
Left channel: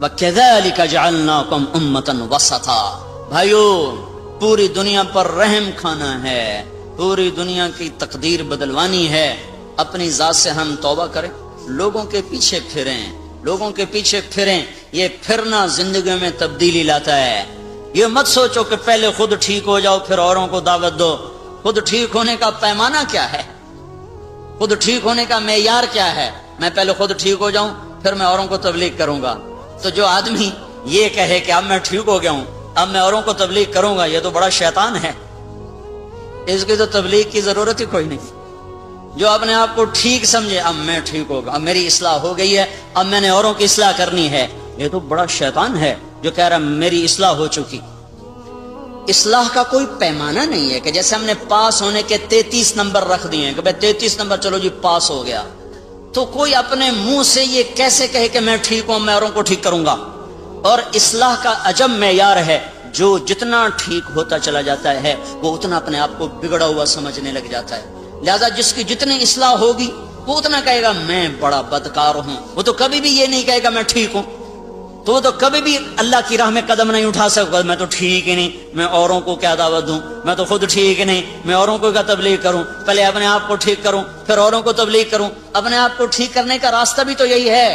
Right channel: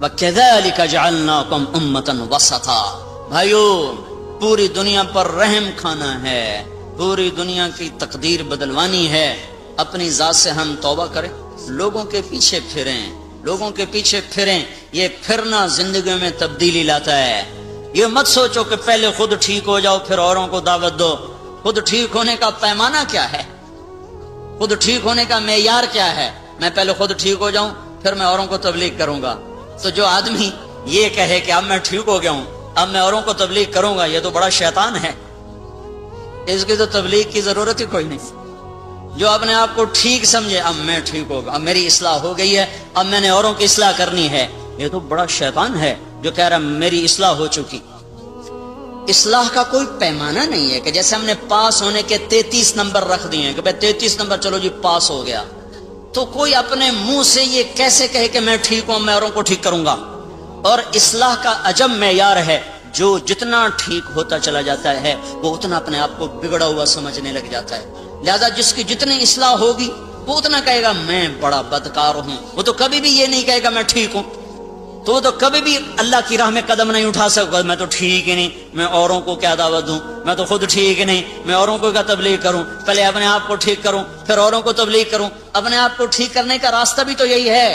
وَكَذَلِكَ جَعَلْنَاكُمْ أُمَّةً وَسَطًا۔ بھائیو، پوری دنیا پر رحم کھانا ہے، پوری دنیا کی تقدیر بدلوانی ہے، اپنی ذات سے ہم توبہ کریں، لوگوں کے پیچھے پھریں، لوگوں کے پیچھے پھریں۔ یہ پھرنا زندگی میں تبدیلی لاتا ہے۔ یہ مت سوچو کہ پہلے خود ٹھیک ہو جاؤ پھر اوروں کو دعوت دو۔ خود ٹھیک ہونے کا پیمانہ کیا ہے؟ خود ٹھیک ہونے کا معیار کیا ہے؟ میں پہلے خود ٹھیک ہو جاؤں پھر میں اوروں کو تبلیغ کروں گا۔ تو جو آدمی یہ کہے کہ اب میں ٹھیک ہو گیا ہوں اب میں اوروں کو تبلیغ کروں گا، یہ تو بڑا شیطان ہے، اس کی تو تبلیغ کی ضرورت ہی کوئی نہیں۔ جو اپنے آپ کو ٹھیک سمجھے اب میں ٹھیک ہوگا، اب میری اصلاح ہو گئی ہے، اب میں نے اوروں کی اصلاح کرنی ہے، یہ تو بڑا شیطان ہے جو کہہ رہا میری اصلاح ہو چکی۔ اصلاح کا کوئی پیمانہ نہیں ہے کہ جیسے ہم نے پاس ہونے کے 33 نمبر رکھ دیے ہیں کہ بھائی 33 نمبر چلو جی پاس ہو گیا، تو کوئی اپنے منہ سے یہ کیسے کہے کہ میں ٹھیک ہوں میں اوروں کو ٹھیک کروں گا۔ اور اصلاح کا عجب معیار ہے، جو جتنا ٹھیک ہوتا چلا جاتا ہے وہ اتنا اپنے آپ کو بگڑا ہوا سمجھنے لگ جاتا ہے۔ لہذا جس کی جتنی اصلاح ہوگی وہ اتنا کہے گا میں بڑا بدکار ہوں، وہ تو کبھی بھی یہ نہیں کہے گا میں ٹھیک ہوں، تو وہ تو کبھی بھی اللہ کی راہ میں قدم نہیں اٹھا سکتا، میں تو ٹھیک ہی نہیں، میں اوروں کو کیا دعوت دوں، میں تو خود ٹھیک ہی نہیں، میں اوروں کو کیا تبلیغ کروں، پہلے اپنے آپ کو ٹھیک کروں پھر اوروں کو تبلیغ کروں۔ اپنے آپ کو ٹھیک کرنے کا راستہ بھی تو یہی ہے،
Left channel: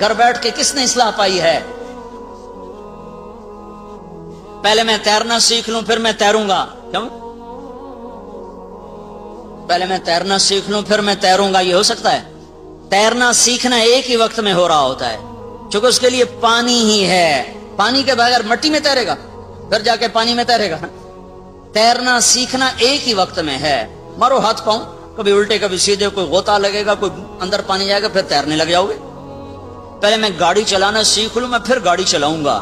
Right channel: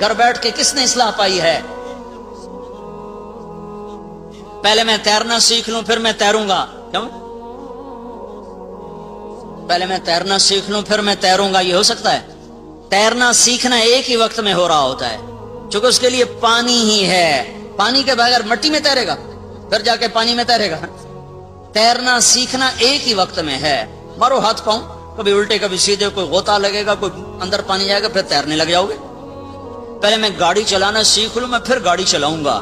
گھر بیٹھ کے کس نے اصلاح پائی ہے؟ پہلے میں تیرنا سیکھ لوں پھر میں تیروں گا، کیوں؟ پہلے میں تیرنا سیکھ لوں پھر میں تیروں گا، یہ ہو سکتا ہے؟ تیرنا سیکھنا ایک ہی وقت میں ہو رہا ہوتا ہے، چونکہ اس کے لیے پانی ہی ہے، پانی کے بغیر مٹی میں تیرے گا پھر جا کے پانی میں تیرے گا۔ تیرنا سیکھنا ایک ہی وقت میں ہے، مارو ہاتھ پاؤں کبھی الٹے کبھی سیدھے، کوئی غوطہ لگے گا کوئی اندر پانی جائے گا پھر تیرنے لگ جاؤ گے۔ پہلے میں گاڑی چلانا سیکھ لوں میں پھر گاڑی چلاؤں گا،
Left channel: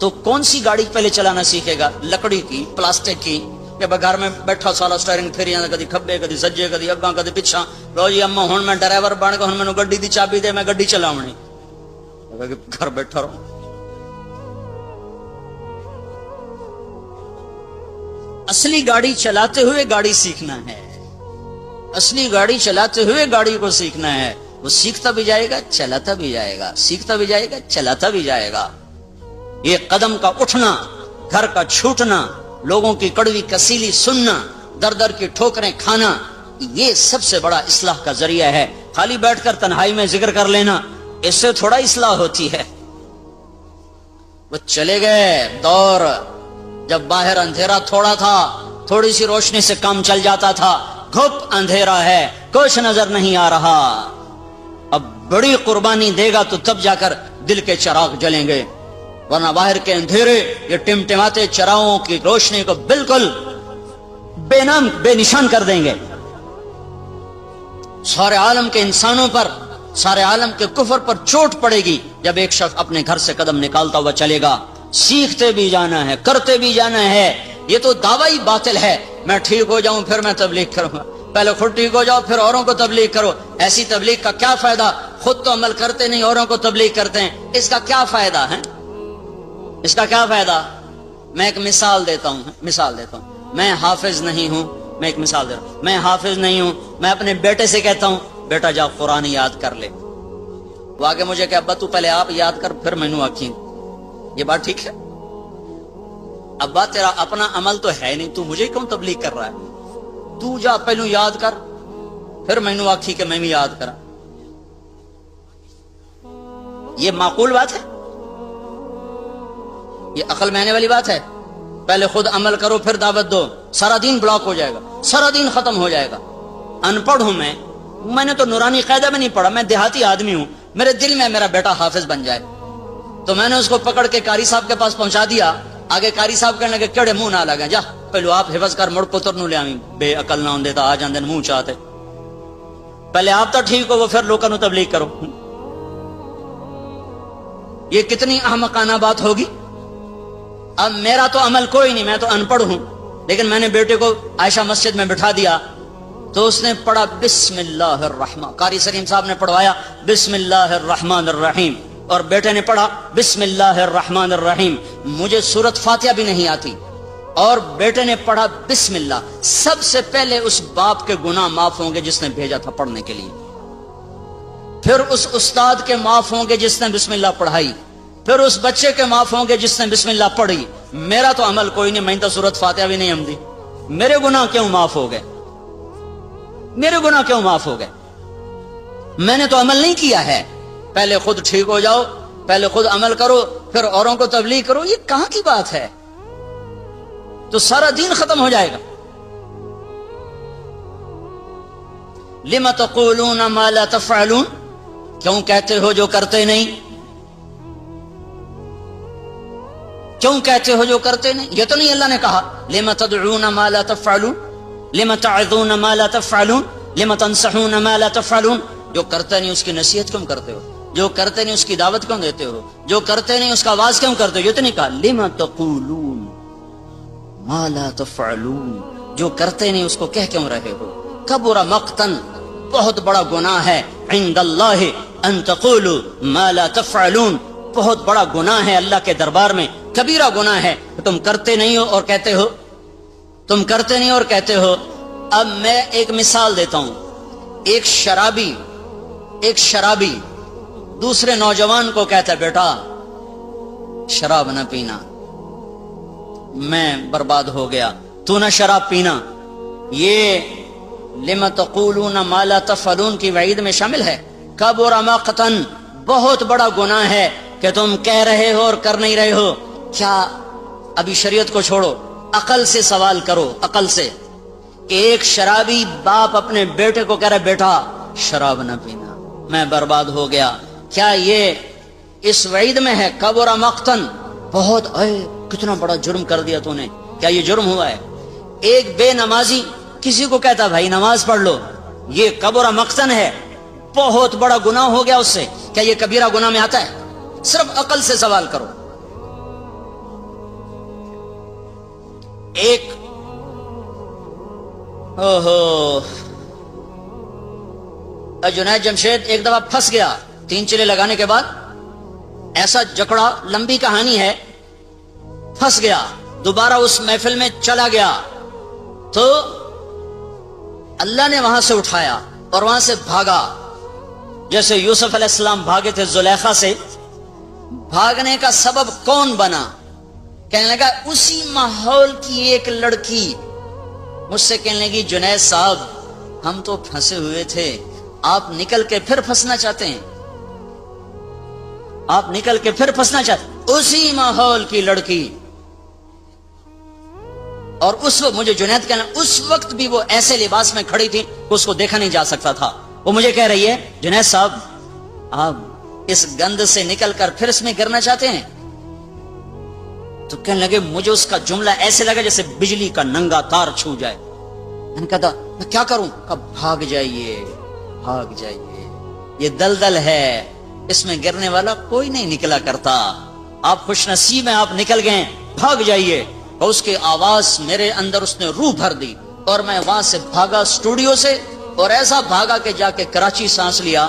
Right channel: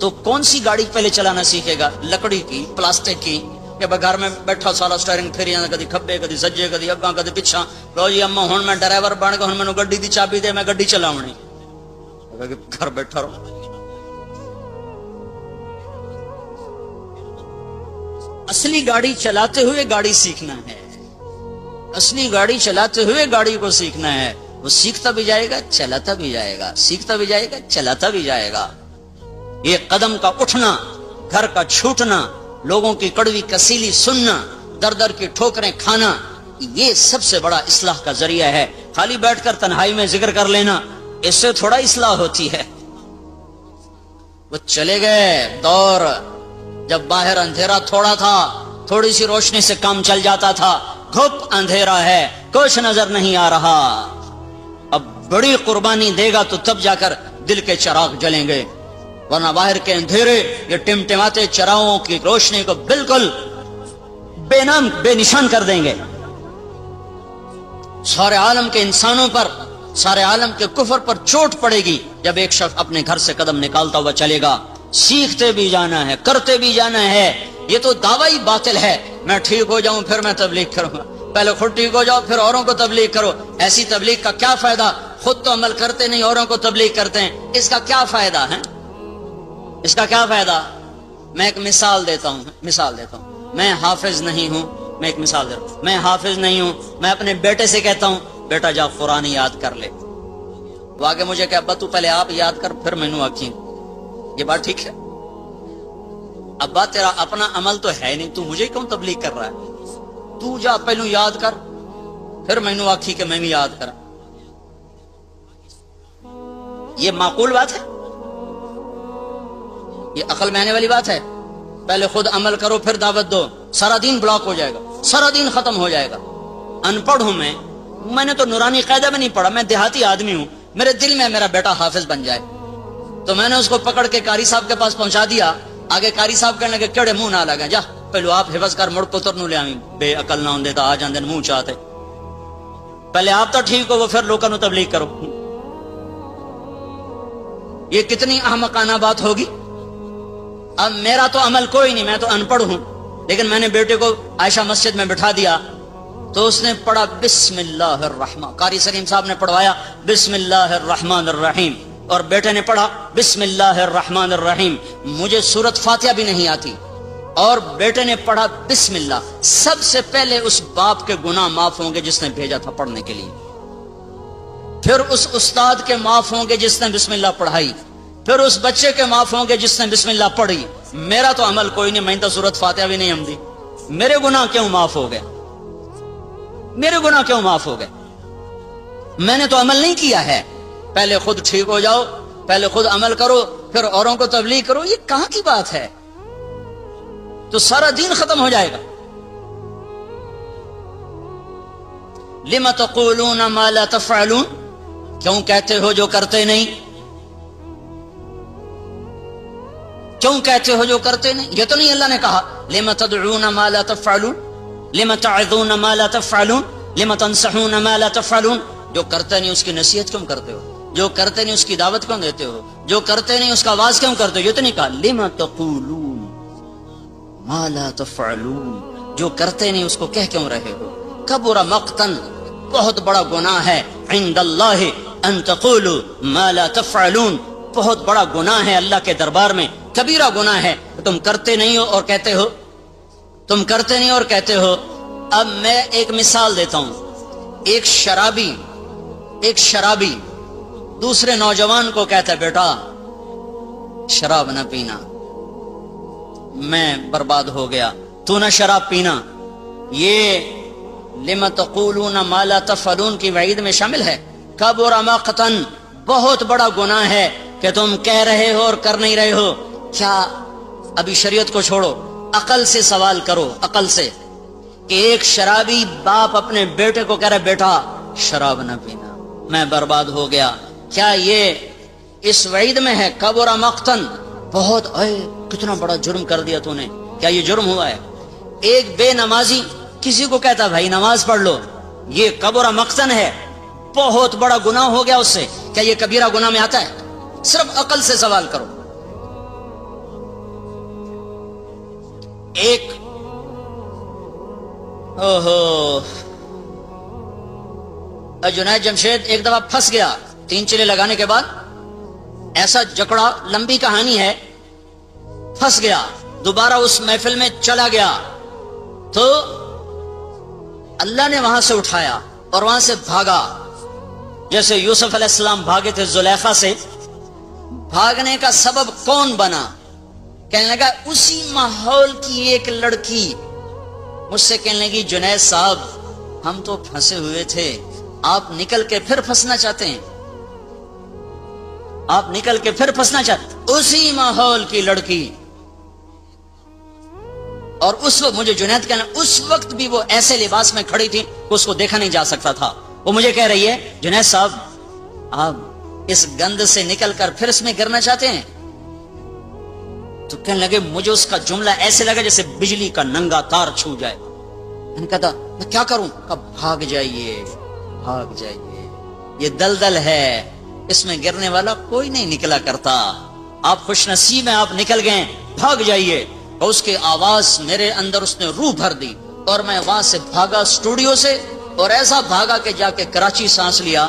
تو کون سی گاڑی پہلے چلانا سیکھے گا؟ لکڑی کی، پلاسٹک کی، کہ گھر میں بیٹھا سالا سٹیئرنگ پھیری کدی کھبے کدی سجے کدی اگاں کدی پچھا، لو جی اما ہوں میں ڈرائیور بن گیا، ہوں مینوں گڈی دی چابی دے میں گڈی چلاونی، گھر بیٹھا رہو۔ اصلی گاڑی چلاتے ہوئے گاڑی سیکھنا ہے، اصلی گاڑی چلاتے ہوئے گاڑی کو سیکھنا ہے، وہ سیکھتا بھی جائے گا چلاتا بھی جائے گا، سیکھتا بھی جائے گا چلاتا بھی جائے گا۔ یہ قدم کا اٹھنا، گھر کا چھوٹنا، لوگوں کی کڑوی کسیلی سننا، در در کی ٹھوکریں کھانا، یہ سب سے بڑا اصلاح کا ذریعہ ہے۔ خالی بیٹھ کر تنہائی میں ذکر کر لینا، اس سے تھوڑا اصلاح ہوتی ہے۔ وہ چلے گئے دور جب باہر اندھیرا تھوڑا تھا، تھوڑی سی روشنی سے کام چل جاتا تھا، گھپ اندھیرا ہے، کچھ نظر نہیں آ رہا۔ اب بڑی قربانی دے گا تو تب جا کر دل کے چراغ جلیں گے، ورنہ باہر کے اندھیرے یہ ٹمٹماتے چراغوں کی روشنی کو بالکل بے نام بے نشان کر دیں گے۔ سارے عالم کے انسانوں پر، سارے عالم کے کفر پر چوٹ پڑے گی جب ایک شخص اپنے گھر سے قدم نکالتا ہوا چلے گا۔ سیکھتے بھی جانا ہے، کرتے بھی جانا ہے۔ یہ تو دعوی باطل ہے، میں ٹھیک ہو جاؤں پھر میں تبلیغ کروں گا، پہلے خود ٹھیک ہو جاؤ پھر اوروں کو تبلیغ کرو۔ ایسی تبلیغ کا کیا فائدہ؟ خود تو عمل کرتے نہیں، اوروں کو تبلیغ کرتے ہیں، اس کا کیا فائدہ ہے؟ اس کا کیا فائدہ؟ میں ایک مثال دیتا ہوں، میں حافظ نہیں ہوں، میں ایک مثال دیتا ہوں، میں حافظ نہیں ہوں، میں اپنے بیٹے سے کہتا ہوں بیٹا جا قرآن یاد کر لے، وہ آگے مجھے کہ ابا تو پہلے آپ یاد کر پھر میں نوں آکھیں، یہ بات ٹھیک ہے؟ ابا تیرا اپنا عمل تو ہے نہیں، تو مجھے کیوں تبلیغ کر رہا ہے؟ تو جا پہلو یاد کر پھر میں نوں آکھی کہ میں بھی یاد کرا۔ یہ معقول بات ہے؟ یہ عقل میں آنے والی بات ہے؟ پہلے خود عمل کرو پھر دعوت دو، سارا دین بلاک ہو جائے گا، سارا دین ختم ہو جائے گا۔ ان پڑھ ہوں میں نے تو نورانی قاعدہ میں نہیں پڑھا، میں دیہاتی آدمی ہوں، میرے دل میں میرا بیٹا حافظ بن جائے، تو میں نے اس کو پکڑ کے قاری صاحب کے پاس پہنچا دیا۔ آگے قاری صاحب کہنے لگے کیڑے منہ نہ لگے، جا پہلو آپ حفظ کر مڑ پتر نو لے آئیں، بے عقل نہ ہوں دیتا آ جاندے منہ چاہتے، پہلے آپ تو ٹھیک ہو وہ پھر لوگوں کو تبلیغ کرو۔ یہ کتنی احمقانہ بات ہوگی۔ اب میرا تو عمل کوئی نہیں، میں تو ان پڑھ ہوں، لیکن میں نے بیٹے کو عائشہ مسجد میں بٹھا دیا تو اس نے پڑھا بسم اللہ الرحمن، قاری سلیم صاحب نے پڑھوایا بسم اللہ الرحمن الرحیم، اور بیٹے نے پڑھا بسم اللہ الرحمن الرحیم۔ مجھے سورت فاتحہ بھی نہیں آتی اور بیٹے نے پڑھا بسم اللہ۔ سب سے پہلے اس باپ کے گناہ معاف ہوں گے جس نے بھیجا تھا پڑھنے کے لیے، پھر اس استاد کے معاف ہوں گے جس نے بسم اللہ پڑھائی، پھر اس بچے کے معاف ہوں گے جس نے بسم اللہ پڑھی۔ میرا تو عمل کوئی نہیں، میں تو سورت فاتحہ بھی نہیں ہمدی، میرے گناہ کیوں معاف ہو گئے؟ میرے گناہ کیوں معاف ہو گئے؟ میں نے تو عمل نہیں کیا ہے۔ پہلے خود ٹھیک ہو جاؤ، پہلے خود عمل کرو پھر اوروں کو تبلیغ کرو، یہ کہاں کی بات ہے؟ تو سارا دین ختم ہو جائے گا۔ لم تقولون ما لا تفعلون، کیوں کہتے ہو جو کرتے نہیں؟ کیوں کہتے ہو جو کرتے نہیں؟ یہ تو نہیں اللہ نے کہا لم تدعون ما لا تفعلون، لم تعظون ما لا تفعلون، لم تنصحون ما لا تفعلون۔ جو کرتے نہیں اس کی نصیحت کیوں کرتے ہو؟ جو کرتے نہیں اس کی دعوت کیوں دیتے ہو؟ جو کرتے نہیں اس کا آواز کیوں کرتے ہو؟ یہ تو نہیں کہا لم تقولون ما لا تفعلون، جو کرتے نہیں اس کو کہہ کیوں رہے ہو؟ کبر مقتن، بہت بڑا گناہ ہے، عند اللہ ان تقولوا ما لا تفعلون، بہت بڑا گناہ ہے اللہ کے دربار میں، کبیرہ گناہ ہے کہ تم کرتے نہیں ہو اور کہتے ہو، تم کرتے نہیں اور کہتے ہو۔ اب میں ایک مثال دیتا ہوں، ایک شرابی دوسرے نوجوان کو کہتا ہے بیٹا شراب نہ پینا، میں برباد ہو گیا، تو نہ شراب پینا۔ یہ لم تقولون ما لا تفعلون کی وعید میں شامل ہے۔ کبر مقتن، بہت بڑا گناہ ہے کہ تم کہہ رہے ہو اور کر نہیں رہے ہو۔ کیا ابھی شریعت کو چھوڑو، عقل سے سوال کرو، عقل سے، کہ ایک شرابی باپ اپنے بیٹے کو کہہ رہا ہے بیٹا شراب نہ پینا، میں برباد ہو گیا، کیا یہ اس وعید میں ہے؟ کبر مقتن، بہت کتنا بڑا جرم کر دیا تو نے، کیا یہ جرم ہوا ہے؟ ایک بے نمازی کسی کو کہتا بھائی نماز پڑھ لو، یہ کبر مقتن ہے، بہت بڑا گناہ ہو گیا اس سے، کیا یہ کبیرہ گناہ میں آتا ہے؟ صرف عقل سے سوال کرو۔ ایک جنید جمشید ایک دفعہ پھنس گیا 3 چلے لگانے کے بعد، ایسا جکڑا، لمبی کہانی ہے، پھنس گیا، دوبارہ اس محفل میں چلا گیا تو اللہ نے وہاں سے اٹھایا اور وہاں سے بھاگا، جیسے یوسف علیہ السلام بھاگے تھے زلیخا سے۔ بھاگنے کا سبب کون بنا؟ کہنے لگا اسی ماحول کی ایک لڑکی مجھ سے کہنے لگی جنید صاحب ہم تو پھنسے ہوئے تھے، آپ نکل کے پھر پھنسنا چاہتے ہیں، آپ نکل کے پھر پھنسنا چاہتے ہیں۔ اسی ماحول کی لڑکی، اور اس وقت مجھے جنید کہنا، اس وقت بھی وہ ایسے لباس میں کھڑی تھی کہ اس کو دیکھا نہیں جا سکتا تھا۔ وہ مجھے کہہ رہی ہے جنید صاحب آپ اس گند سے نکل کر پھر اس میں گرنا چاہتے ہیں؟ تو کہنے لگے مجھے اس کا جملہ ایسے لگا جیسے بجلی کا ننگا تار چھو جائے۔ میں نے کہا میں کیا کروں؟ کہا بھاگ جائیے، بھاگ جائیے، یہ دلدل ہے، اس میں گرنے والا کوئی نہیں نکلا کرتا، آپ خوش نصیب ہیں، آپ نکل گئے، بھاگ جائیے۔ اور اس کی آواز میرے اندر اس نے روح بھر دی، اور میں وہاں سے بھاگا اسٹوڈیو سے، اور ایسا بھاگا کہ جا کے کراچی سانس لیا۔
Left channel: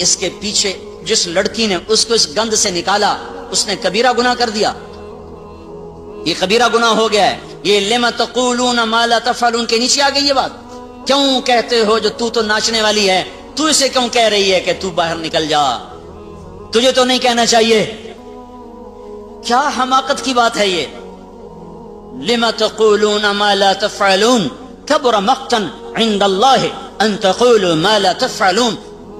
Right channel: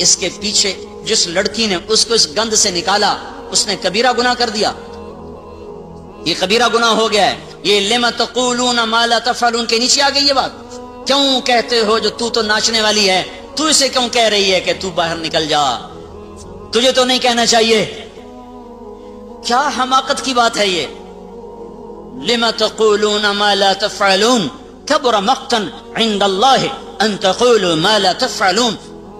اس کے پیچھے جس لڑکی نے اس کو اس گند سے نکالا اس نے کبیرہ گناہ کر دیا، یہ کبیرہ گناہ ہو گیا ہے۔ یہ لم تقولون ما لا تفعلون کے نیچے آ گئی یہ بات، کیوں کہتے ہو جو تو ناچنے والی ہے، تو اسے کیوں کہہ رہی ہے کہ تو باہر نکل جا، تجھے تو نہیں کہنا چاہیے۔ کیا حماقت کی بات ہے یہ، لم تقولون ما لا تفعلون کبر مقتا عند اللہ ان تقولوا ما لا تفعلون،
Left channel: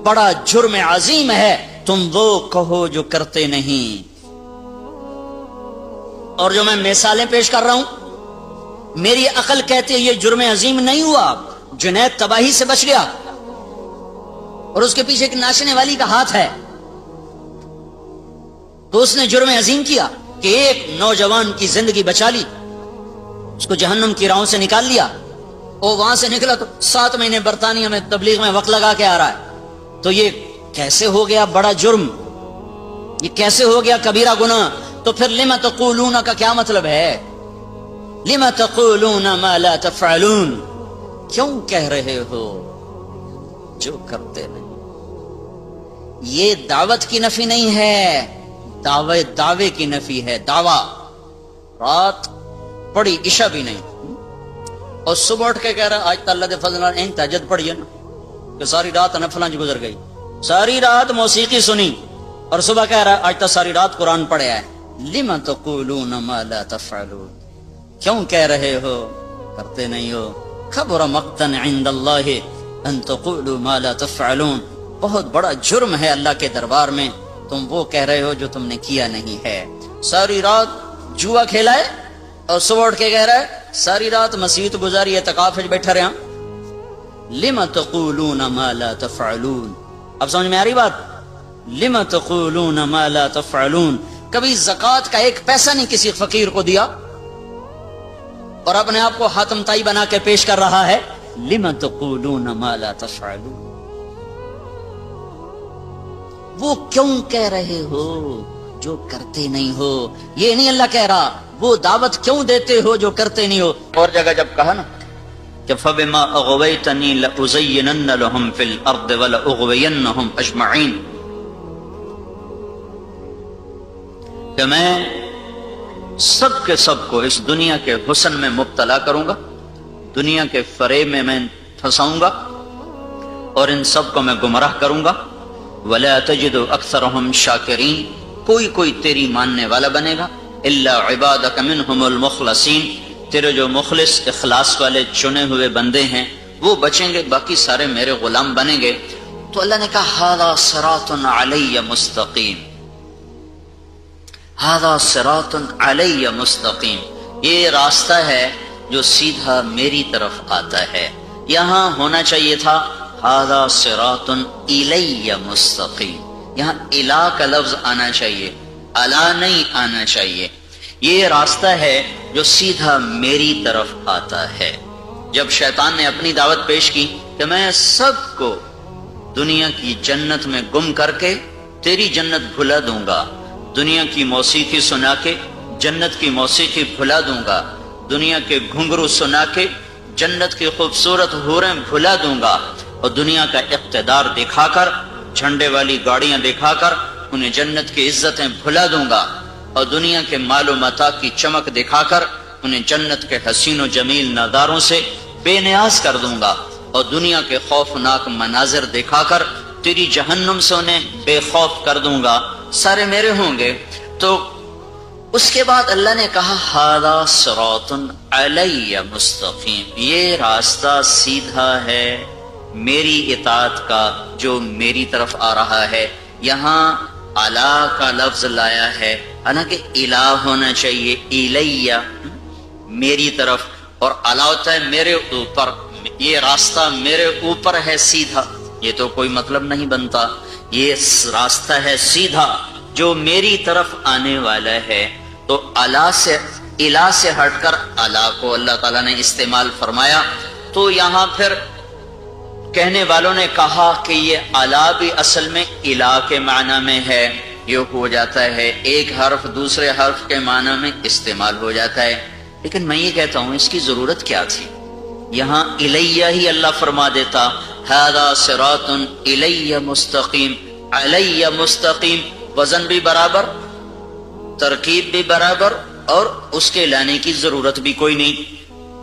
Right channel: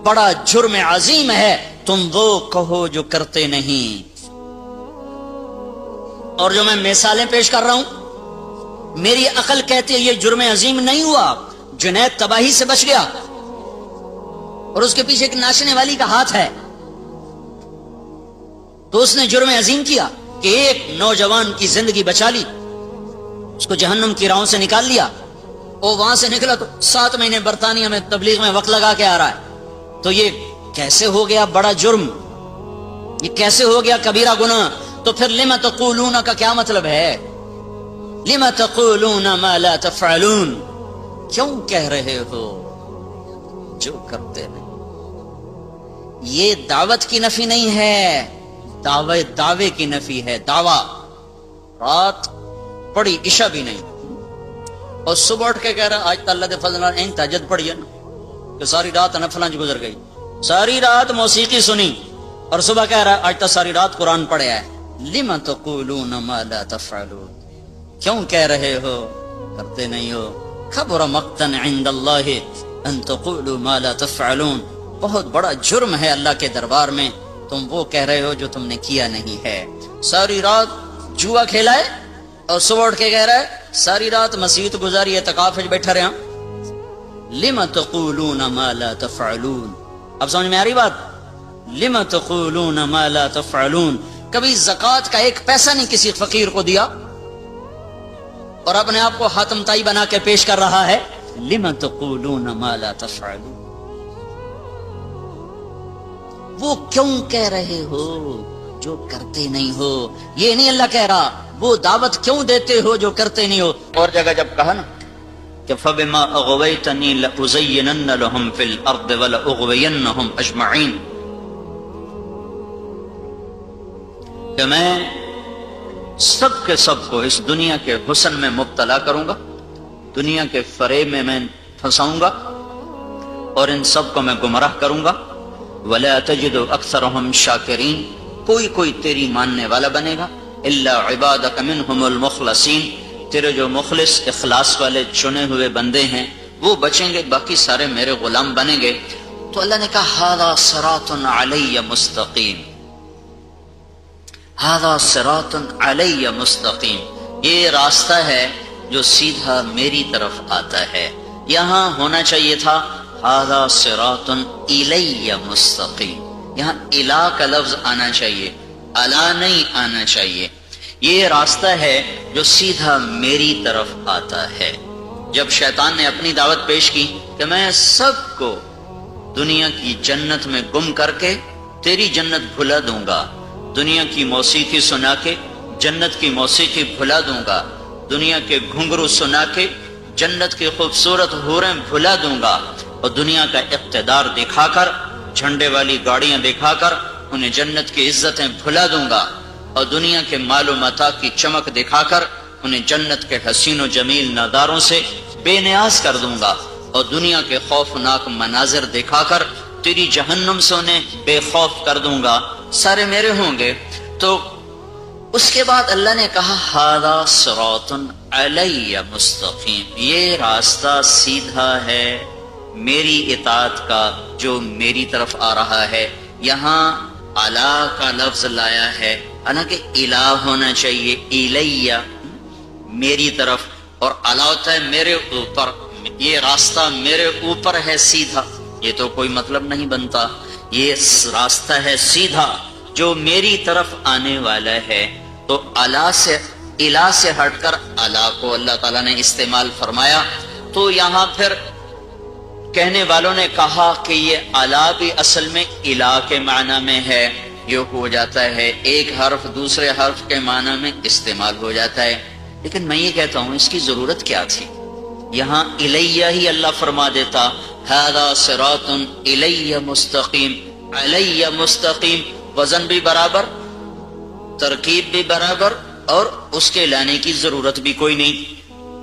بڑا جرم عظیم ہے تم وہ کہو جو کرتے نہیں۔ اور جو میں مثالیں پیش کر رہا ہوں میری عقل کہتی ہے یہ جرم عظیم نہیں ہوا، جنید تباہی سے بچ گیا، اور اس کے پیچھے ایک ناچنے والی کا ہاتھ ہے، تو اس نے جرم عظیم کیا کہ ایک نوجوان کی زندگی بچا لی، اس کو جہنم کی راہوں سے نکال لیا۔ اور وہاں سے نکلا تو 7 مہینے برطانیہ میں تبلیغ میں وقت لگا کے آ رہا ہے، تو یہ کیسے ہو گیا بڑا جرم، یہ کیسے ہو گیا کبیرہ گناہ؟ تو پھر لم تقولون کا کیا مطلب ہے؟ لم تقولون ما لا تفعلون، کیوں کہہ رہے ہو جو کرتے نہیں؟ یہ دعوت کی نفی نہیں ہے، دعوے کی نفی ہے، دعویٰ۔ رات پڑی عشاء بھی نہیں، اور صبح اٹھ کے کہہ رہا آج تو اللہ کے فضل ان تہجد پڑھی ہے نا، کہ ساری رات نفلاں گزر گئی، ساری رات موسیقی سنی، اور صبح کہہ رہا آج تو ساری رات قرآن پڑھا ہے۔ لم تقولون ما لا تفعلون، کیوں کہہ رہے ہو کرتے نہیں ہو؟ کبر مقتا عند اللہ ان تقولوا ما لا تفعلون، بہت بڑا جرم ہے اللہ کے دربار میں تم وہ کہہ رہے ہو جو تم نے کیا نہیں ہے۔ ساری رات جوا کھیلا ہے اور صبح اٹھ کے کہہ رہا ہے ساری رات مسجد گزاری اعتکاف بیٹھا رہا۔ لم تقولون ما لا تفعلون، اب سمجھ میں آ رہی بات؟ لم تقولون ما لا تفعلون، کبھی زکوٰۃ کا ایک پیسہ نہیں کسی فقیر کو دیا اور اپنے آپ کو حاتم تائی بنا کے پیش کر رہا ہے۔ لم تقولون ما لا تفعلون، وہ کیوں کہہ رہے ہو جو کرتے نہیں ہو؟ یہ نہیں اللہ کہہ رہا وہ دعوت کیوں دیتے ہو جو کرتے نہیں ہو۔ اور جگہ جب کہا نا کہ فَبِمَا أَغْوَيْتَنِي لَأُزَيِّنَنَّ لَهُمْ فِي الْأَرْضِ وَلَأُغْوِيَنَّهُمْ أَجْمَعِينَ، کہ میں سب کے سب کو اس دنیا کے حسن میں مبتلا کروں گا، دنیا کے فریب میں پھنساؤں گا، اور ان سب کو میں گمراہ کروں گا۔ وَلَا تَجِدُ أَكْثَرَهُمْ شَاكِرِينَ، کوئی تیری ماننے والا بنے گا، إِلَّا عِبَادَكَ مِنْهُمُ الْمُخْلَصِينَ، تیرے جو مخلص اخلاص والے چنے ہوئے بندے ہیں وہ بچیں گے، باقی سارے میرے غلام بنیں گے۔ تو اللہ نے کہا هَذَا صِرَاطٌ عَلَيَّ مُسْتَقِيمٌ، هَذَا صِرَاطٌ عَلَيَّ مُسْتَقِيمٌ، یہ راستہ ہے جو سیدھا میری طرف آتا ہے۔ یہاں ہونا چاہیے تھا هَذَا صِرَاطٌ إِلَيَّ مُسْتَقِيمٌ، یہاں الہ کا لفظ آنا چاہیے، الا نہیں آنا چاہیے۔ یہ راستہ ہے جو سیدھا میری طرف آتا ہے۔ جب شیطان نے اپنی دعوت پیش کی کہ میں سب کو دنیا کی جنت میں گم کر کے تیری جنت بھلا دوں گا، دنیا کی موسیقی سنا کے جنت کی موسیقی بھلا دوں گا، دنیا کے گھنگرو سنا کے جنت کی خوبصورت حوریں بھلا دوں گا، اور دنیا کا اقتدار دکھا کر، جھنڈے والی گاڑیاں دکھا کر انہیں جنت کی عزتیں بھلا دوں گا، اور دنیا کے مال و متاع کی چمک دکھا کر انہیں جنت کے حسین و جمیل نظاروں سے بے نیاز کر دوں گا، اور دنیا کے خوفناک مناظر دکھا کر تیری جہنم سے انہیں بے خوف کر دوں گا، سارے میرے ہوں گے۔ تو اس کے بعد اللہ نے کہا ھذا صراط علی مستقیم، یہ راستہ سیدھا ہے میری اطاعت کا جو میری طرف آ رہا ہے۔ یہاں الا کا لفظ لایا ہے، حالانکہ الہ ہونا چاہیے، الیہ میری طرف، اور الا ہوتا ہے میرے اوپر، یہ راستہ میرے اوپر ہے سیدھا، یہ تو کوئی مطلب نہیں بنتا، یہ راستہ ہے سیدھا جو میری طرف آنے والا ہے۔ تو الا سے الہ سے ہٹ کر الا کو اللہ تعالیٰ نے استعمال فرمایا۔ تو یہاں پھر کہنے والوں نے کہا کہ یہ الا بھی اصل میں الہ کے معنی میں ہے، یہ ہو جاتا ہے ایک حرف دوسرے حرف کے معنی میں استعمال ہو جاتا ہے، لیکن میں یہ کہتا ہوں اس کی ضرورت کیا تھی؟ یہاں الیہ ہی اللہ فرما دیتا، ھذا صراط الیہ مستقیم، علیہ مستقیم، وزن بھی برابر، ترکیب بھی برابر، اور اس کے لانے کی ضرورت بھی کوئی نہیں۔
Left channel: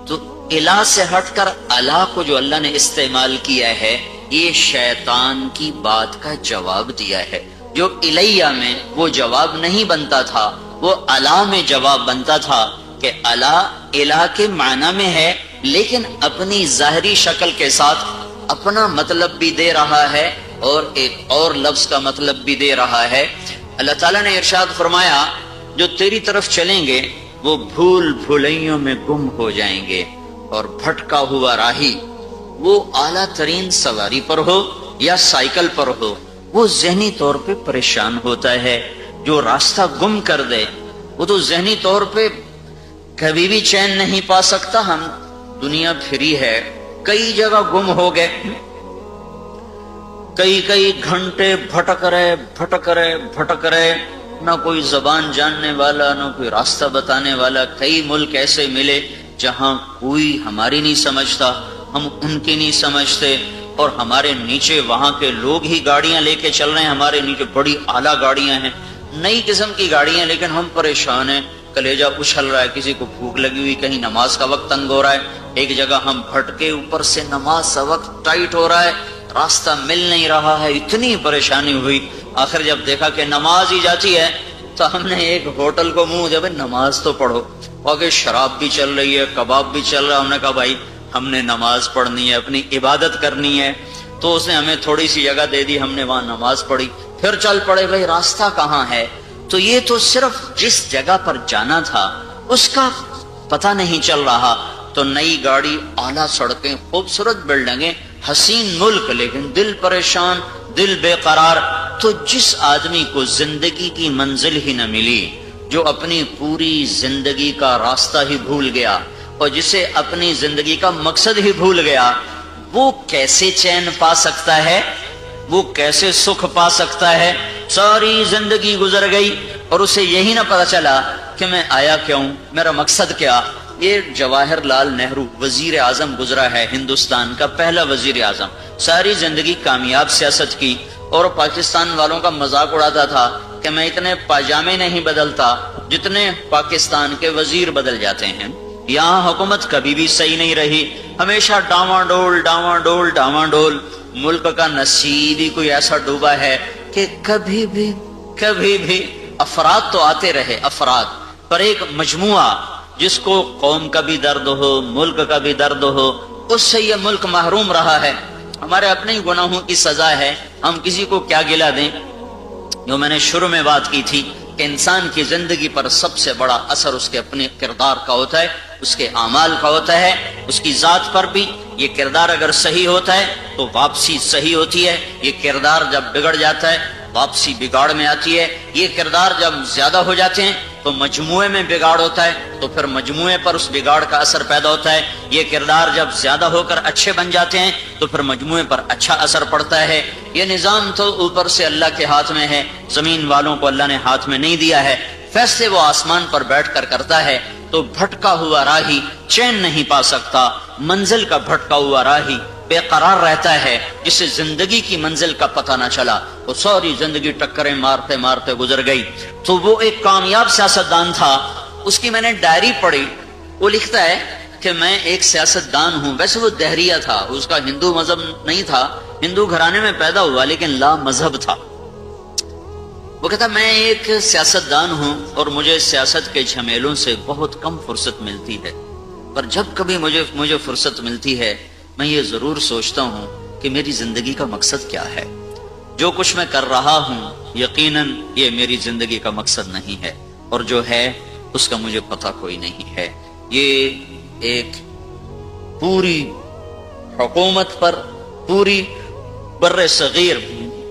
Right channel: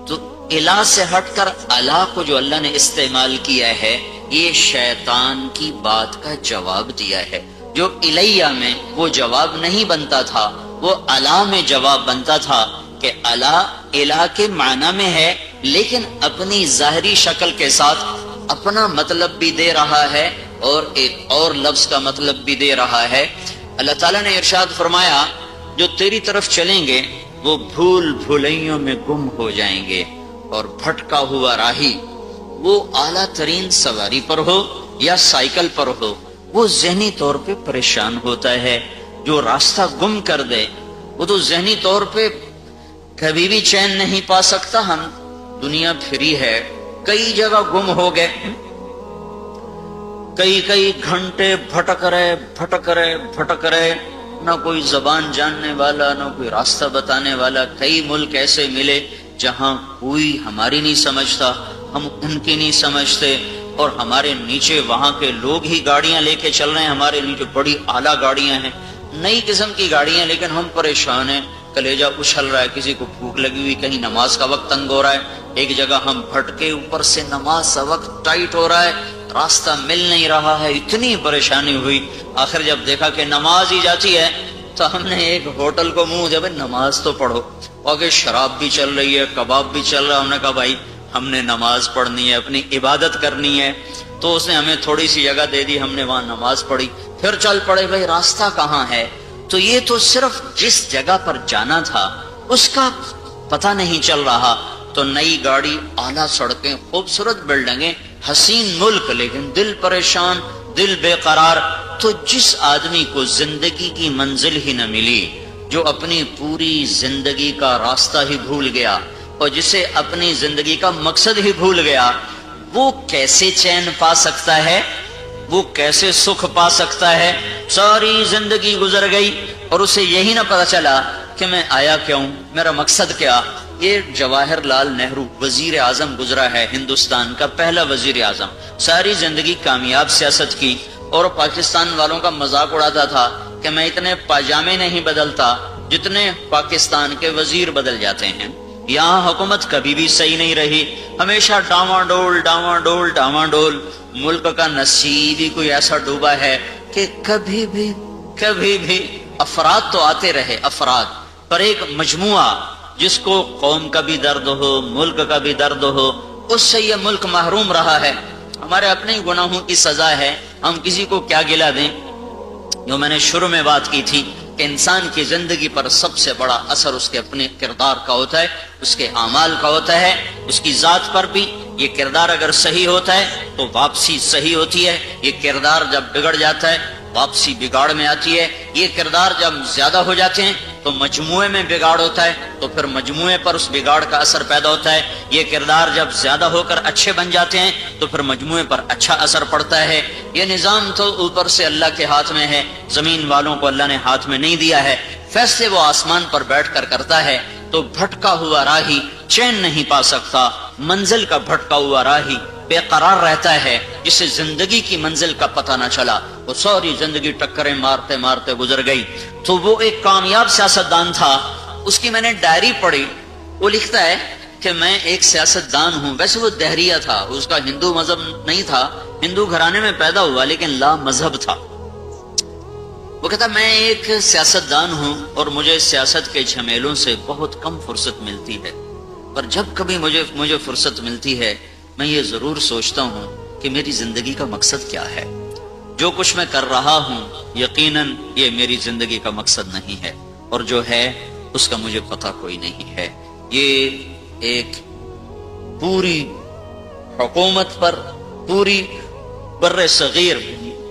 تو الہ سے ہٹ کر الا کو جو اللہ نے استعمال کیا ہے، یہ شیطان کی بات کا جواب دیا ہے۔ جو الیہ میں وہ جواب نہیں بنتا تھا، وہ الا میں جواب بنتا تھا، کہ الا الہ کے معنی میں ہے لیکن اپنی ظاہری شکل کے ساتھ اپنا مطلب بھی دے رہا ہے اور ایک اور لفظ کا مطلب بھی دے رہا ہے۔ اللہ تعالیٰ نے ارشاد فرمایا جو تیری طرف چلیں گے وہ بھول بھلائیوں میں گم ہو جائیں گے، اور بھٹکا ہوا راہی وہ اعلیٰ ترین سواری پر ہو یا سائیکل پر ہو، وہ ذہنی طور پہ پریشان ہوتا ہے۔ جو راستہ گم کر دے وہ تو ذہنی طور پہ کبھی بھی چین نہیں پا سکتا۔ ہم دنیا پھری ہے، کئی جگہ گم ہو گئے، کئی گھنٹے بھٹک رہے، نہ کوئی زبان جاننے والا، نہ کوئی راستہ بتانے والا۔ کئی ملک ایسے ملے جہاں کوئی ہماری نہیں سمجھتا، ہم ان کی نہیں سمجھتے، اور ہمارے نیچے وہاں کے لوگ ہی گاڑیاں لے کے چل رہے ہیں، ہمارے نیچے بڑی اعلیٰ گاڑیاں ہیں، نئی قسم کی گاڑیاں، لیکن ہم پریشان ہیں، کلیجہ اچھل رہا ہے، کسی کو بھوک لگی ہوئی، کہیں نماز کا وقت تنگ ہو رہا ہے، ایک جگہ ہم بھٹکے، اوپر سے نماز کا وقت ٹائٹ ہو رہا ہے، راستہ مل نہیں رہا ہے، اتنی پریشانی ہوئی۔ آخر جب دیکھا کہ نماز ہی جاتی ہے تو ہم نے ایک ہوٹل کو منہ جب نماز تو پڑھو، اور شراب بھی چل رہی ہے، کباب بھی چل رہا ہے، ہم نے کہا بھائی ہم نے نماز پڑھنی ہے، اپنی عبادت کرنی ہے۔ تو اس نے ہمیں تھوڑی سی جگہ دے دی، ہم نے وہاں نماز پڑھی، پھر چل پڑے بھائی راستہ کہاں ہے۔ تو یہ تو صرف جس جگہ پر جانا تھا اس کا پتہ نہیں چل رہا۔ تو نئی گاڑی، اعلیٰ سڑکیں، خوبصورت بلڈنگیں، حسین ملک، لیکن دل پریشان، دل بے قرار۔ تو جس آدمی کو زندگی کی منزل ہی نہ ملی، جو اپنی پوری زندگی کا راستہ ہی بھول گیا، اور جسے اپنی زندگی کا مقصد ہی بھول گیا، وہ کیسے چین پا سکتا ہے، وہ کیسے سکھ پا سکتا ہے؟ ساری زندگی گزر گئی اور اسے یہی نہ پتا چلا کہ میں آیا کیوں، میرا مقصد کیا۔ یہ جواہر لال نہرو وزیر اعظم گزرا ہے، ہندوستان کا پہلا وزیر اعظم، ساری زندگی کامیاب سیاست کی، اور پاکستان والوں کا مذاق اڑاتا تھا کہ میں اتنے پاجامے نہیں بدلتا جتنے پاکستان کے وزیر بدل جاتے ہیں۔ یہاں حکومت کبھی بھی صحیح نہیں رہی، ہمیشہ ڈاواں ڈول۔ ملک کا نصیب ہی کوئی ایسا ڈوبا ہے کہ کبھی بھی افراد تو آتے رہے، افراد پر ایک مجموعہ جس کو قوم کا بھی درد ہو، ملک کا بھی درد ہو، اس سے یہ ملک محروم رہا ہے۔ ہمارے اپنے گناہوں کی سزا ہے، ہم کسی کو کیا گلہ دیں۔ جو میں نے شروع میں بات کی تھی کہ انسان کی زندگی پر سب سے بڑا اثر اس کے اپنے کردار کا ہوتا ہے، اس کے اعمال کا ہوتا ہے، اس کی ذات پر بھی۔ یہ کردار اگر صحیح ہوتا ہے تو واپسی صحیح ہوتی ہے، یہ کردار جب بگڑ جاتا ہے واپسی بگاڑ میں آتی ہے، یہ کردار جب زیادہ ہو جاتے ہیں تو مجموعے میں بگاڑ ہوتا ہے، تو پھر مجموعے پر اس بگاڑ کا اثر پیدا ہوتا ہے۔ یہ کردار جب زیادہ ہو کر اچھے بن جاتے ہیں تو پھر مجموعے پر اچھا اثر پڑتا ہے۔ یہ نظام تو اوپر سے اللہ کے ہاتھ میں ہے، زمین والوں کو اللہ نے ہاتھ میں نہیں دیا ہے، فیصلے وہ آسمان پر بیٹھ کر کرتا ہے۔ تو بھٹکا ہوا راہی چین نہیں پا سکتا، منزل کا بھٹکا ہوا راہی بے قرار رہتا ہے، جسے زندگی کی منزل کا پتہ نہ چلا، وہ ساری زندگی ٹکریں مارتے مارتے گزر گئی۔ تو وہ ایک کامیاب سیاستدان تھا، اس کی میں نے ڈائری پڑھی، وہ لکھتا ہے کہ میں ایک سیاستدان ہوں. ویسے وہ دہریہ تھا, اس کا ہندو مذہب نہیں تھا, ہندو گھرانے میں پیدا ہوا لیکن لا مذہب تھا. وہ کہتا میں ایک سیاستدان ہوں اور مجھے سیاست کے جھمیلوں سے بہت کم فرصت ملتی ہے, پر جب کبھی مجھے فرصت ملتی ہے میں یہ ضرور سوچتا ہوں کہ میری زندگی کا مقصد کیا ہے. جو کچھ میں کر رہا ہوں یقیناً یہ میری زندگی کا مقصد نہیں ہے, اور جو ہے اس کا مجھے پتہ کوئی نہیں ہے. یہ ایک پوری حکومت پر, پوری بر صغیر,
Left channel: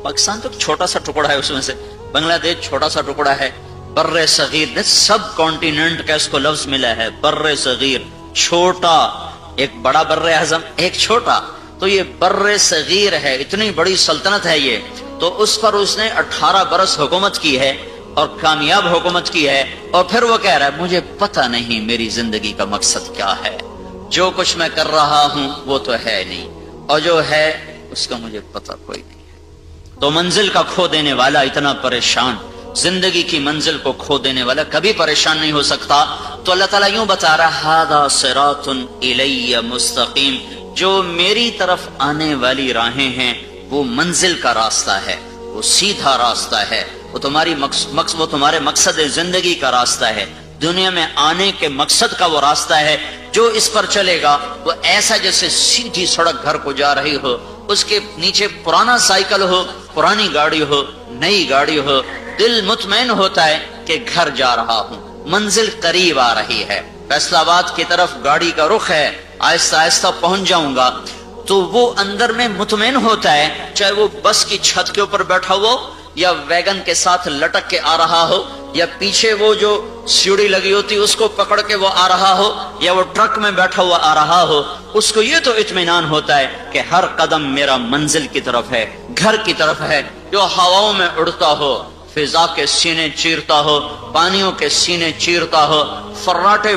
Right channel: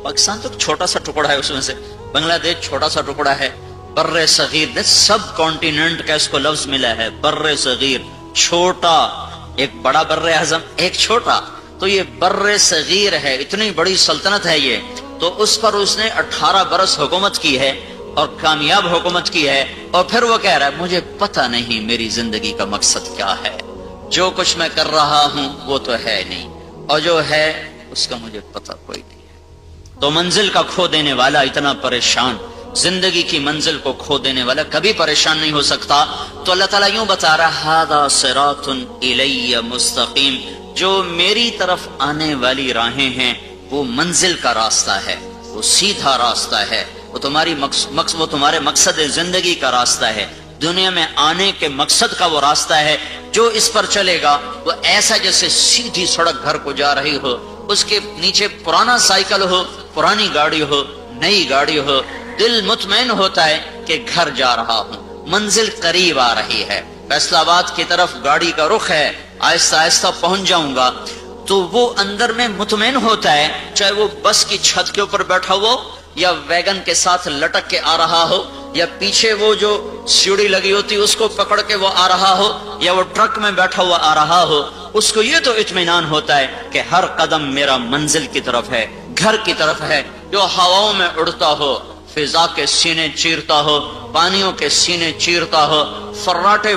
پاکستان تو چھوٹا سا ٹکڑا ہے, اس میں سے بنگلہ دیش چھوٹا سا ٹکڑا ہے, بر صغیر سب کانٹیننٹ کا اس کو لفظ ملا ہے, بر صغیر, چھوٹا, ایک بڑا بر اعظم ایک چھوٹا, تو یہ بر صغیر ہے, اتنی بڑی سلطنت ہے یہ. تو اس پر اس نے 18 برس حکومت کی ہے اور کامیاب حکومت کی ہے, اور پھر وہ کہہ رہا ہے مجھے پتہ نہیں میری زندگی کا مقصد کیا ہے. جو کچھ میں کر رہا ہوں وہ تو ہے نہیں, اور جو ہے اس کا مجھے پتہ کوئی نہیں ہے. تو منزل کا کھو دینے والا اتنا پریشان, زندگی کی منزل کو کھو دینے والا کبھی پریشان نہیں ہو سکتا. تو اللہ تعالیٰ یوں بتا رہا ھذا صراط الی مستقیم, جو میری طرف آنے والی راہیں ہیں وہ منزل کا راستہ ہے, وہ سیدھا راستہ ہے, وہ تمہارے مقصد زندگی کا راستہ ہے, دنیا میں آنے کے مقصد کا وہ راستہ ہے. جو اس پر چلے گا وہ ایسا جیسے سیدھی سڑک گھر کو جا رہی ہو, اس کے نیچے پرانا سائیکل ہو, پرانی گاڑی ہو, نئی گاڑی ہو, دل مطمئن ہوتا ہے کہ گھر جا رہا ہوں, منزل قریب آ رہی ہے, فیصل آباد کی طرف گاڑی کا رخ ہے, آہستہ آہستہ پہنچ جاؤں گا. تو وہ اندر میں مطمئن ہوتا ہے, چاہے وہ بس کی چھت کے اوپر بیٹھا ہو یا ویگن کے ساتھ لٹک کے آ رہا ہو, یا پیچھے وہ جو سیڑھی لگی ہوتی اس کو پکڑ کے وہ آ رہا ہو, یا وہ ٹرک میں بیٹھا ہوا آ رہا ہو, اس کو یہ تو اطمینان ہوتا ہے کہ ہر قدم میرا منزل کی طرف ہے, گھر کی طرف ہے. جو ہواؤں میں اڑتا ہو, فضا کے سینے چیرتا ہو, پانیوں کے سینے چیرتا ہو, فراٹے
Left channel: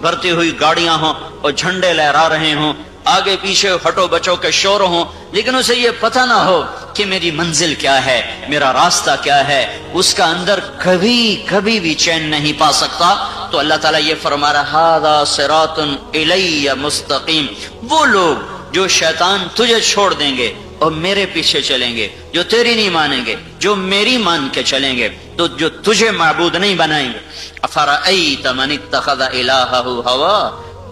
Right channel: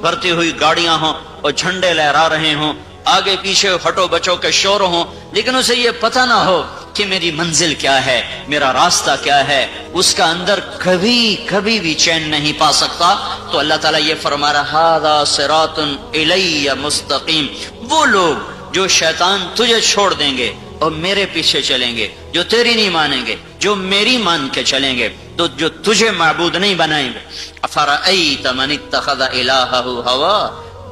بھرتی ہوئی گاڑیاں ہوں اور جھنڈے لہرا رہے ہوں, آگے پیچھے ہٹو بچو کے شور ہوں, لیکن اسے یہ پتہ نہ ہو کہ میری منزل کیا ہے, میرا راستہ کیا ہے, اس کا اندر کبھی بھی چین نہیں پا سکتا. تو اللہ تعالیٰ یہ فرما رہا ھذا صراط الی مستقیم, وہ لوگ جو شیطان تجھے چھوڑ دیں گے اور میرے پیچھے چلیں گے, جو تیری نہیں مانیں گے, جو میری مان کے چلیں گے, تو جو تجھے معبود نہیں بنائیں گے. افرأیت من اتخذ الہہ ہوا,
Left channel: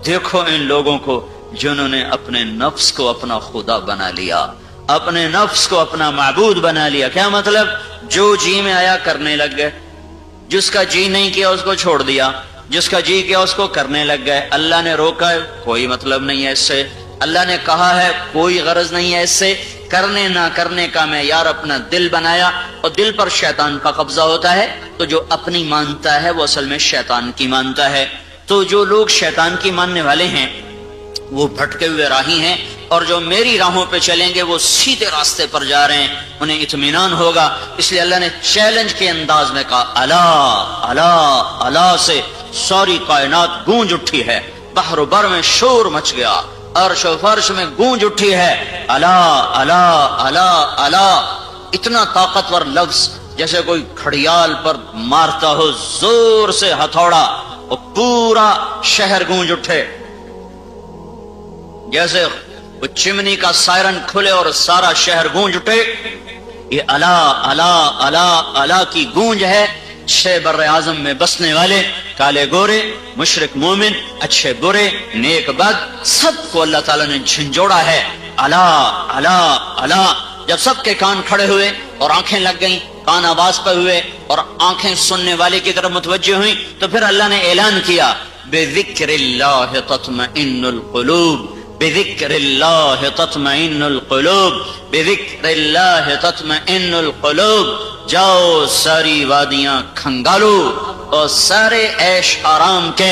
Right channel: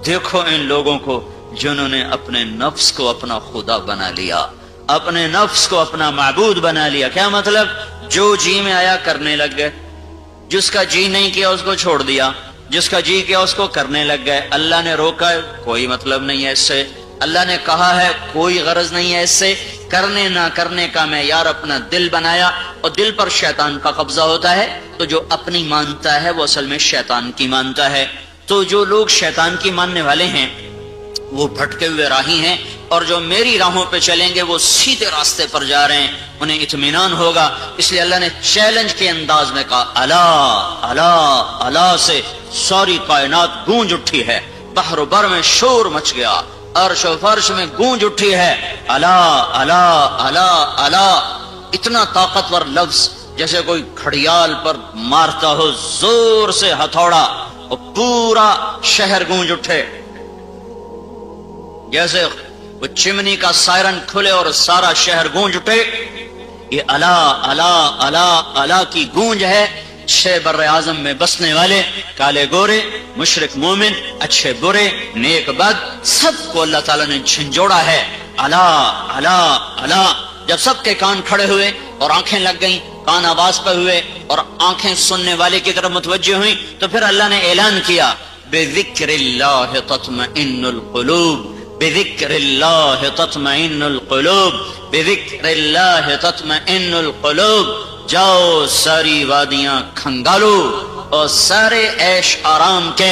دیکھو ان لوگوں کو جنہوں نے اپنے نفس کو اپنا خدا بنا لیا, اپنے نفس کو اپنا معبود بنا لیا. کیا مطلب؟ جو جی میں آیا کرنے لگ گئے, جس کا جی نہیں کیا اس کو چھوڑ دیا, جس کا جی کیا اس کو کرنے لگ گئے. اللہ نے روکا ہے, کوئی مطلب نہیں ہے اس سے, اللہ نے کہا ہے, کوئی غرض نہیں ہے اس سے. کرنے نہ کرنے کا معیار اپنا دل بنایا, اور دل پر شیطان کا قبضہ ہوتا ہے, تو جو اپنی مانتا ہے وہ اصل میں شیطان کی مانتا ہے. تو جو لوگ شیطان کی ماننے والے ہیں وہ بھٹکے ہوئے راہی ہیں, اور جو میری راہوں پہ چلیں گے وہ سیدھے راستے پر جا رہے ہیں, انہیں اطمینان ہوگا. اس لیے اللہ نے چیلنج کے انداز میں کہا الا الا الا سے ساری کائنات گونج اٹھی ہے, بحر و بر میں شور مچ گیا, عرش و فرش میں گونج اٹھی ہے, الا الا الا الا. اتنا طاقتور لفظ جیسے کوئی گھڑیال پر مارتا ہو زور سے ہتھوڑا اور پورا شہر گونج اٹھے, جیسے وہ چمنی کا سائرن کھلے اور سارا شہر گونج اٹھے. یہ الا الا الا الا کی گونج ہے. 6 بر اعظم میں بسنے والے, کالے گورے, مشرق مومن, اچھے برے, نیک بد, سب کو اللہ تعالیٰ نے جھنجھوڑا ہے. الا الا الا. جب سب کے کان کھڑے ہوئے اور آنکھیں لگ گئیں, کان آواز پر ہوئے اور آنکھیں سننے والے کی طرف متوجہ ہوئیں, تو پھر اللہ نے اعلان کیا بذکر اللہ تطمئن القلوب, بذکر اللہ تطمئن القلوب, بذکر اللہ تطمئن القلوب. جاؤ ساری وادیاں کھنگالو اور سارے عیش آرام کے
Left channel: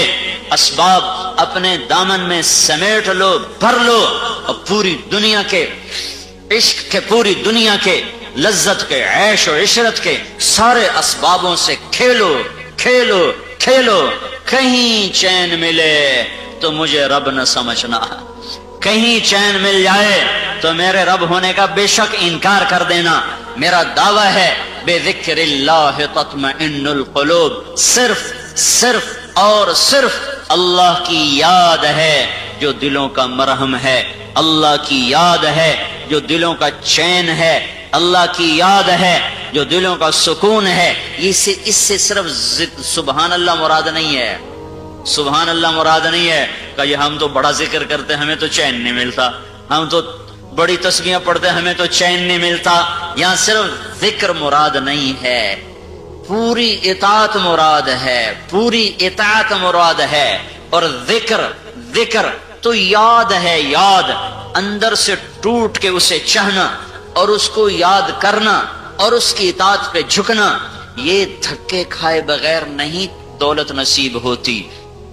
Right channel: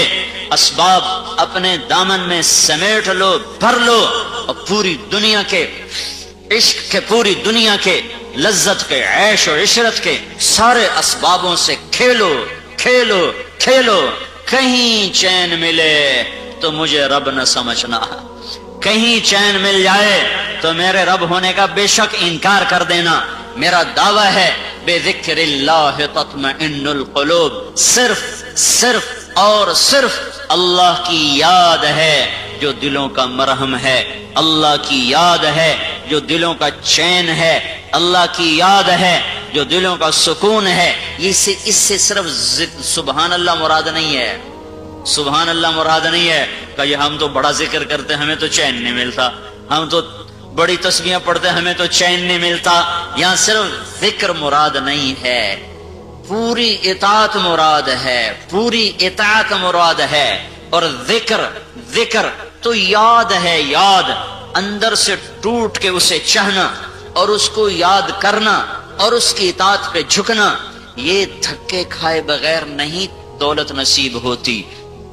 اسباب اپنے دامن میں سمیٹ لو, بھر لو, اور پوری دنیا کے عشق کے, پوری دنیا کے لذت کے, عیش و عشرت کے سارے اسبابوں سے کھیلو کھیلو کھیلو. کہیں چین ملے تو مجھے رب نہ سمجھنا, کہیں چین مل جائے تو میرے رب ہونے کا بے شک انکار کر دینا. میرا دعویٰ ہے بذکر اللہ تطمئن القلوب, صرف اور صرف اللہ کی یاد ہے جو دلوں کا مرہم ہے، اللہ کی یاد ہے جو دلوں کا چین ہے، اللہ کی یاد ہے جو دلوں کا سکون ہے۔ اس سے صرف سبحان اللہ مراد نہیں ہے، سبحان اللہ مراد نہیں ہے کہ یہ ہم تو بڑا ذکر کرتے ہمیں تو چین نہیں ملتا، ہم تو بڑی تسبیحاں پڑھتے ہمیں تو چین نہیں ملتا۔ یہاں صرف ذکر مراد نہیں ہے، پوری اطاعت مراد ہے، پوری اطاعت مراد ہے۔ اور ذکر تو یاد ہے، یاد اندر سے ٹوٹ کے اسے چاہنا اور اس کو یاد کرنا اور اس کی اطاعت پہ جھکنا، یہ دھکے کھائے بغیر نہیں دولت نصیب ہوتی۔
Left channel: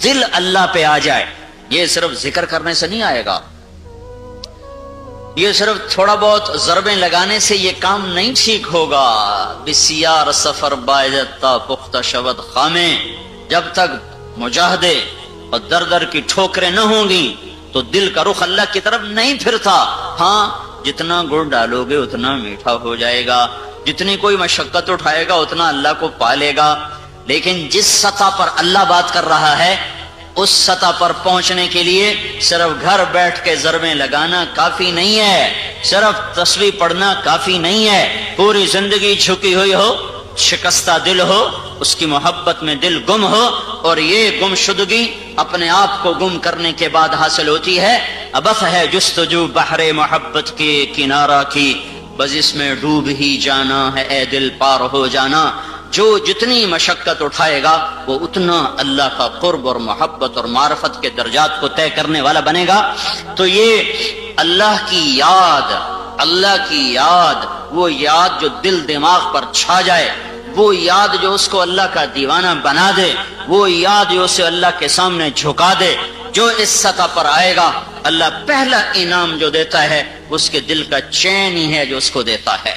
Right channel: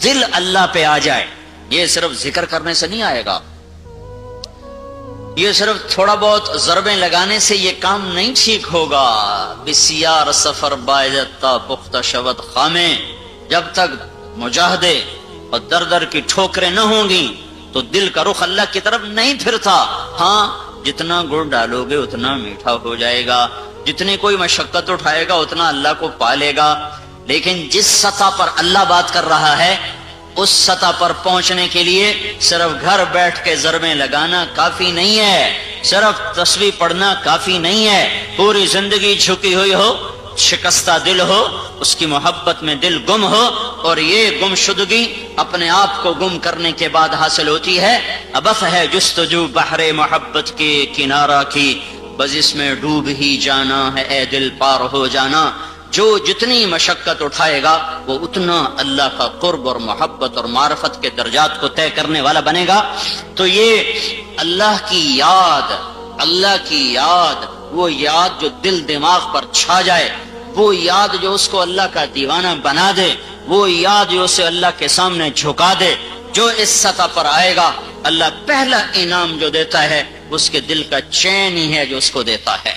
دل اللہ پہ آ جائے، یہ صرف ذکر کرنے سے نہیں آئے گا، یہ صرف تھوڑا بہت ضربیں لگانے سے یہ کام نہیں ٹھیک ہوگا۔ بسیار سفر باعزت تا پختہ شود خامیں، جب تک مجاہدے اور در در کی ٹھوکریں نہ ہوں گی تو دل کا رخ اللہ کی طرف نہیں پھرتا۔ ہاں جتنا گڑ ڈالو گے اتنا میٹھا ہو جائے گا، جتنی کوئی مشقت اٹھائے گا اتنا اللہ کو پا لے گا، لیکن جس سطح پر اللہ بات کر رہا ہے اس سطح پر پہنچنے کے لیے صرف گھر بیٹھ کے ضربیں لگانا کافی نہیں ہے، صرف تسبیح پڑھنا کافی نہیں ہے۔ پوری زندگی جھکی ہوئی ہو، شکستہ دل ہو، اس کی محبت میں دل گم ہو، اور یہ گم شدگی اپنے آپ کو گم کرنے کے بعد حاصل ہوتی ہے۔ ابس ہے جستجو بحر محبت کے کنارہ کی، بس اس میں ڈوب ہی جانا ہے اے دل پار ہو جانا۔ جو جتنی مشقت اٹھائے گا وہ اتنا اللہ کا قرب اور محبت اور معرفت کے درجات کو طے کرنے والا بنے گا۔ تو یہ اللہ کی یاد، اللہ کی یاد، وہ یاد جو دل دماغ پر چھا جائے، وہ یاد جو اس کو اللہ کا دیوانہ بنا دے، وہ یاد جو اسے اللہ کے سامنے جھکا دے، جو اس سطح پر آئے گا اللہ پہلا انعام جو دیتا ہے اس کے دل کا چین ہی ہے جو اس کو دیتا ہے۔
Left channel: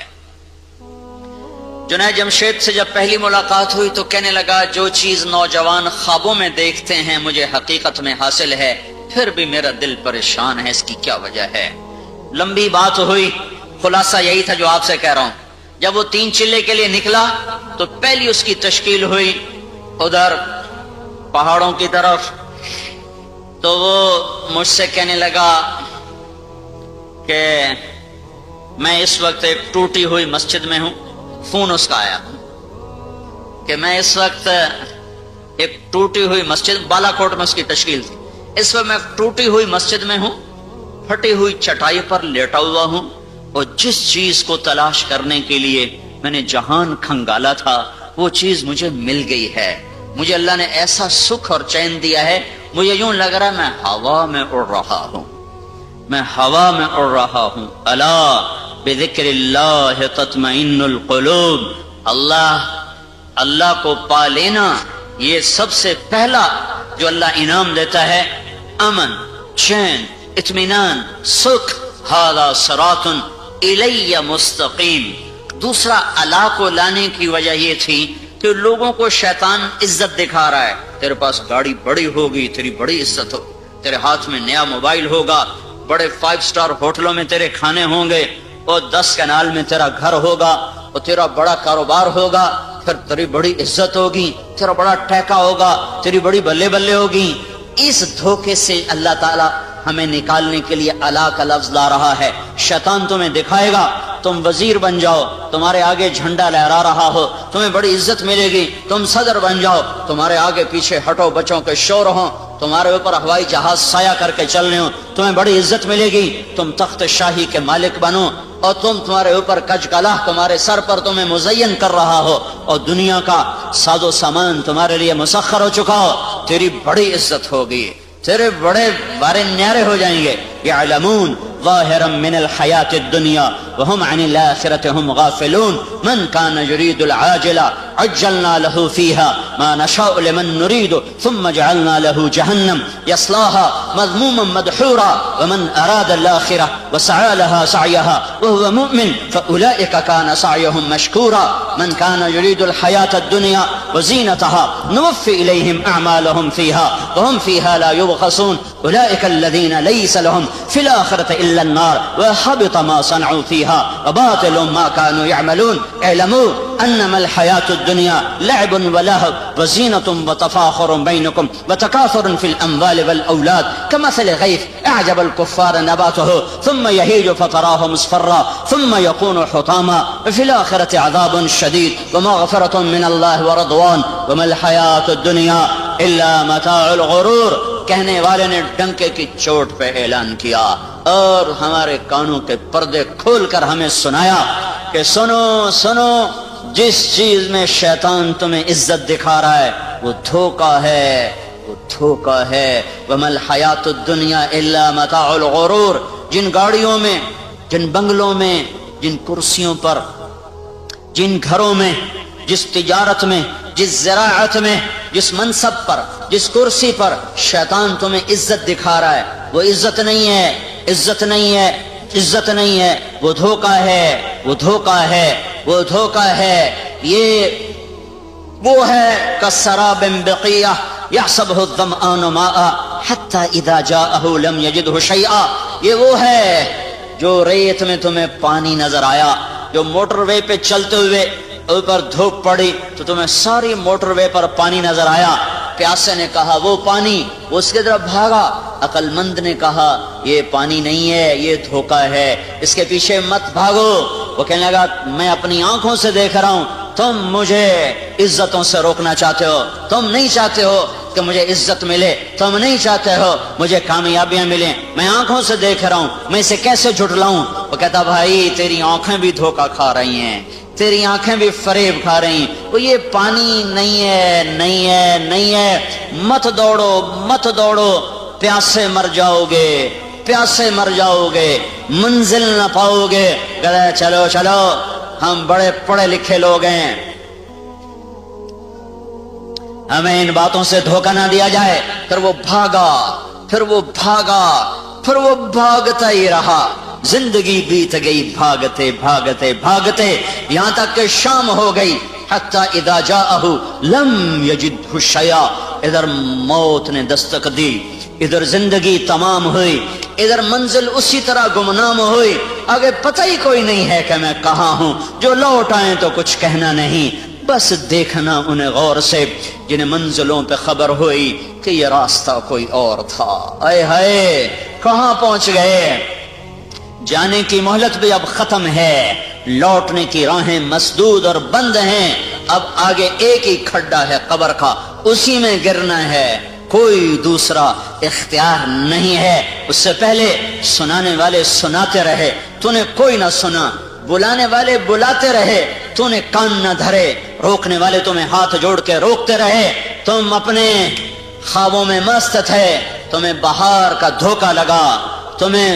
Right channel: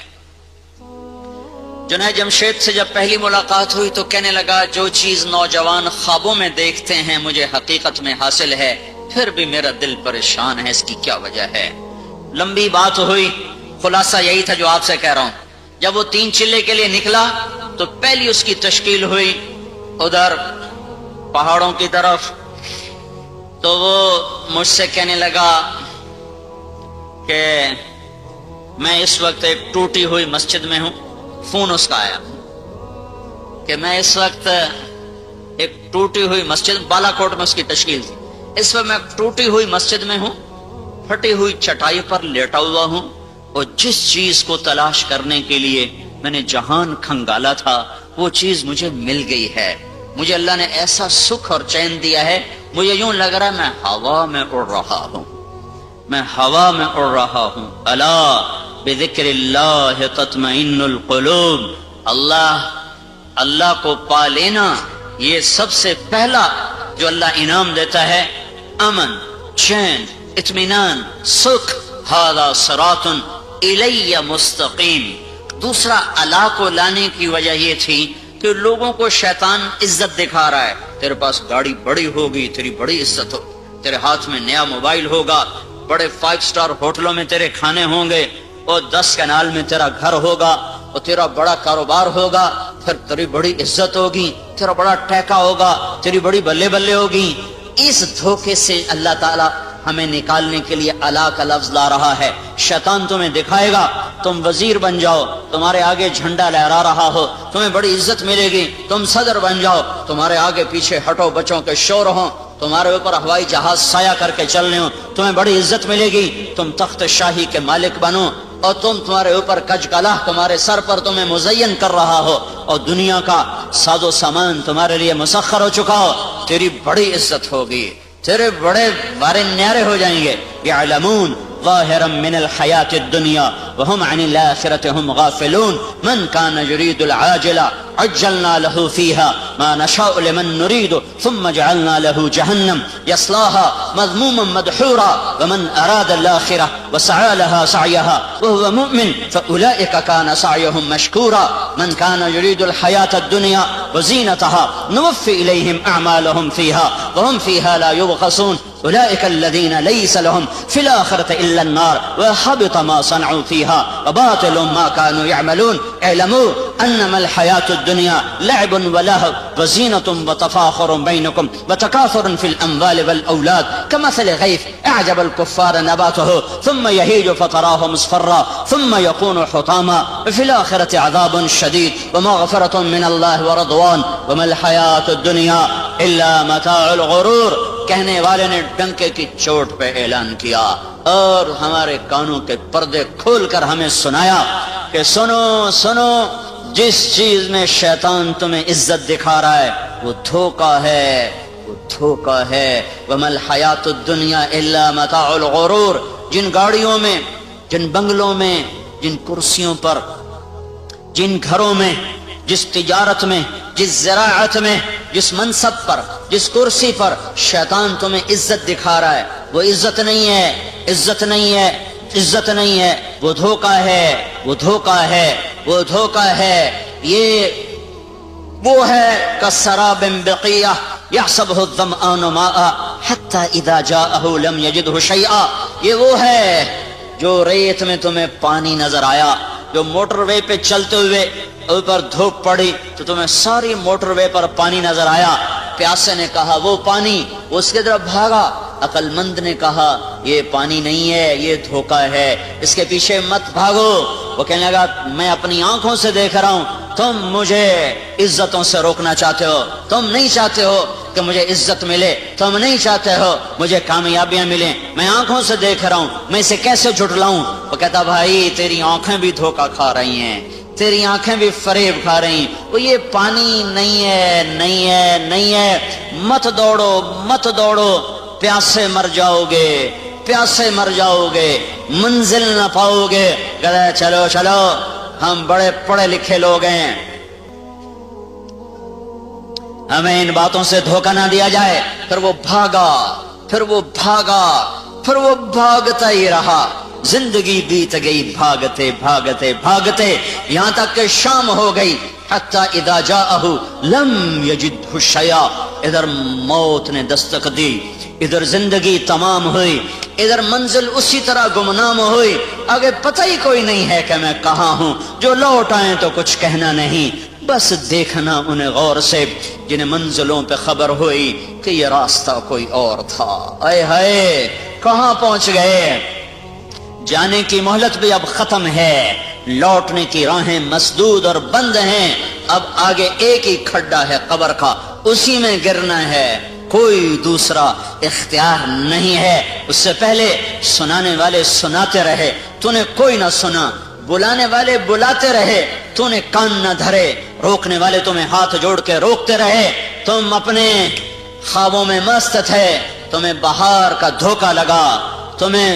جنید جمشید سے جب پہلی ملاقات ہوئی تو کہنے لگا جو چیز نوجوان خوابوں میں دیکھتے ہیں مجھے حقیقت میں حاصل ہے، پھر بھی میرا دل پریشان ہے، اس کی کیا وجہ ہے؟ لمبی بات ہوئی، خلاصہ یہی تھا جو آپ سے کہہ رہا ہوں۔ جب وہ 3 چلے کے لیے نکلا تو پہلی اس کی تشکیل ہوئی ادھر پہاڑوں کی طرف، تو وہ مجھ سے کہنے لگا کہ میں اس وقت ایک ٹوٹی ہوئی مسجد میں ہوں، فون اس کا آیا کہ میں اس وقت ایک ٹوٹی ہوئی مسجد، بالا کوٹ میں اس کی تشکیل تھی، اس وقت میں ٹوٹی ہوئی مسجد میں ہوں، پھٹی ہوئی چٹائی پر لیٹا ہوا ہوں، اور جس چیز کو تلاش کرنے کے لیے میں نے جہان کھنگالا تھا وہ چیز مجھے مل گئی ہے۔ مجھے اللہ نے ایسا سکھ اور چین دیا ہے، مجھے یوں لگ رہا ہے میں ہوا میں اڑ رہا ہوں، میں ہوا میں اڑ رہا ہوں۔ الا بذکر اللہ تطمئن القلوب، اللہ کو پا لینا یہ سب سے پہلا جو اللہ انعام دیتا ہے، امن، چین، اطمینان، سکھ۔ ھذا صراط الی مستقیم۔ دوسرا اللہ کو لانے کی وجہ یہ تھی کہ لوگوں کو شیطان عزت دکھا رہا ہے، تیرے پاس گاڑی بڑی ہوگی تیری بڑی عزت ہو، تیرے ہاتھ میں نیا موبائل ہوگا، بڑے 5 سٹار ہوٹلوں میں تیرے کھانے ہوں گے، اور 10 کنال میں تیرا گھر ہوگا، اور تیرا بڑا کاروبار ہوگا، پھر تیری بڑی عزت ہوگی، تیرا بڑا ٹیکا ہوگا، تیری بڑی بلے بلے ہوگی۔ اس دھوکے سے اللہ تعالی ہمیں نکالنے کے لیے اللہ کا لفظ لا رہا ہے۔ شیطان تمہیں دکھائے گا تم وزیر بن جاؤ، تمہارے آگے جھنڈا لہرا رہا ہو، تمہیں بڑی عزت ملے گی، تم صدر بن جاؤ، تمہارے آگے پیچھے ہٹو بچوں کے شور ہوں، تمہارے اوپر ہوائی جہاز سایہ کر کے چل رہے ہوں، تمہیں بڑی عزت ملے گی، تم تخت شاہی کے مالک بنو، اور تمہارے اوپر کج کلہ تمہارے سر پر تمہیں مزین کر رہا ہو، اور دنیا کا ساز و سامان تمہارے لیے مسخر ہو چکا ہو، تیری بڑی عزت ہوگی، تیرے بڑے بارے نیارے ہو جائیں گے۔ یعلمون ظاہرا من الحیات الدنیا وهم عن الآخرة هم غافلون من كان يريد العاجلة عجلنا له فيها ما نشاء لمن نريد ثم جعلنا له جهنم يصلاها مذموما مدحورا ومن أراد الآخرة وسعى لها سعيها وهو مؤمن فأولئك كان سعيهم مشكورا من كان يريد الحياة الدنيا وزينتها نوفي إليهم أعمالهم فيها وهم فيها لا يبخسون أولئك الذين ليس لهم في الآخرة إلا النار وحبط ما صنعوا فيها وباطل ما كانوا يعملون اعلموا انما الحیات الدنیا لعب ولہو وزینۃ وتفاخر بینکم وتکاثر فی الاموال والاولاد کمثل غیث اعجب الکفار نباتہ ثم یہیج فتراہ مصفرا ثم یکون حطاما فی الآخرۃ عذاب شدید ومغفرۃ من اللہ ورضوان وما الحیات الدنیا الا متاع الغرور. کہنے والے نے ڈنکے کی چوٹ پہ اعلان کیا اور ہمارے کانوں کے پردے کھول کر ہمیں سنایا کہ سنو سنو، جس چیز میں شیطان تمہیں عزت دکھا رہا ہے وہ دھوکہ ہے، وہ دھوکہ ہے. وما الحیات الدنیا الا متاع الغرور. جن گاڑیوں میں، جن بنگلوں میں، جن کرسیوں پر، جن گھروں میں، جس تجارت میں، جس زراعت میں، جس منصب پر، جس کرسی پر شیطان تمہیں عزت دکھا رہا ہے وہ عزت نہیں ہے، عزت نہیں ہے، عزت نہیں ہے، وہ دھوکہ ہے، وہ دھوکہ ہے، وہ دھوکہ ہے. یہ وہ ہے کسراب بقیہ یحسبہ الظمآن ماء حتی اذا جاءہ لم یجدہ شیئا. یہ وہ ہے جو ریت میں تمہیں پانی نظر آیا، جو موٹر وے پہ چلتے ہوئے اوپر دھوپ پڑی تو تمہیں ساری موٹر وے پر پانی نظر آیا. پیاسے نے کہا وہ پانی، اس کے طرف بھاگا. عقل مند نے کہا یہ پانی نہیں ہے، یہ دھوکہ ہے، اس کے پیچھے مت بھاگو. وہ کہنے لگا میں اپنی آنکھوں سے دیکھ رہا ہوں، تم مجھے عزتوں سے روکنا چاہتے ہو، تم نہیں چاہتے ہو کہ مجھے عزت ملے، تم نہیں چاہتے ہو مجھے کامیابیاں ملیں، میں آنکھوں سے دیکھ رہا ہوں، میں اسے کیسے جھٹلاؤں. وہ کہتا بھائی تیری آنکھیں بھی دھوکہ کھا رہی ہیں، تیری آنکھیں بھی فریب کھا رہی. وہ یہ پانی نہیں ہے، نہیں ہے، نہیں ہے. مت دوڑو، مت دوڑو، پیاسے مر جاؤ گے، پیاسے مر جاؤ گے، منزل نہ پاؤ گے. کہے چلو چلو ہم بڑے پڑھے لکھے لوگ ہیں، ہمیں ان باتوں سے دھوکہ نہ دیا جائے. پھر وہ بھاگا، پھر وہ بھاگا، پھر وہ بھاگتا ہی رہا. زندگی بیت گئی بھاگتے بھاگتے بھاگتے، یہاں تک کہ شام ہو گئی. حتی اذا جاءہ لم یجدہ شیئا. ادھر موت نے دستک دی، ادھر زندگی تمام ہوئی، ادھر منزل اسی طرح گمنام ہوئی. آگے پتہ ہی کوئی نہیں ہے کہ میں کہاں ہوں. جو لوٹ آئیں تو کچھ کہنا نہیں، بس دیکھنا انہیں غور سے جنہیں منزلوں پہ خبر ہوئی کہ یہ راستہ کوئی اور تھا. اے ہائے کہاں پہنچ گئے. جانے کی مہلت بھی اب ختم ہے، لوٹنے کی راہیں مسدود اور بند ہیں. اب آگے ایک ہی کھڈا ہے قبر کا، اسی میں گرنا ہے، کوئی دوسرا اختیار نہیں ہے. اس سے پہلے سنانے والے سناتے رہے، تو نے کوئی نہ سنا. بلانے والے بلاتے رہے، تو نے کان نہ دھرے. روکنے والے تمہیں ہاتھ جوڑ کے روکتے رہے، تم اپنے خوابوں میں مست تھے. تمہیں بہار کا دھوکہ لگا، تمہیں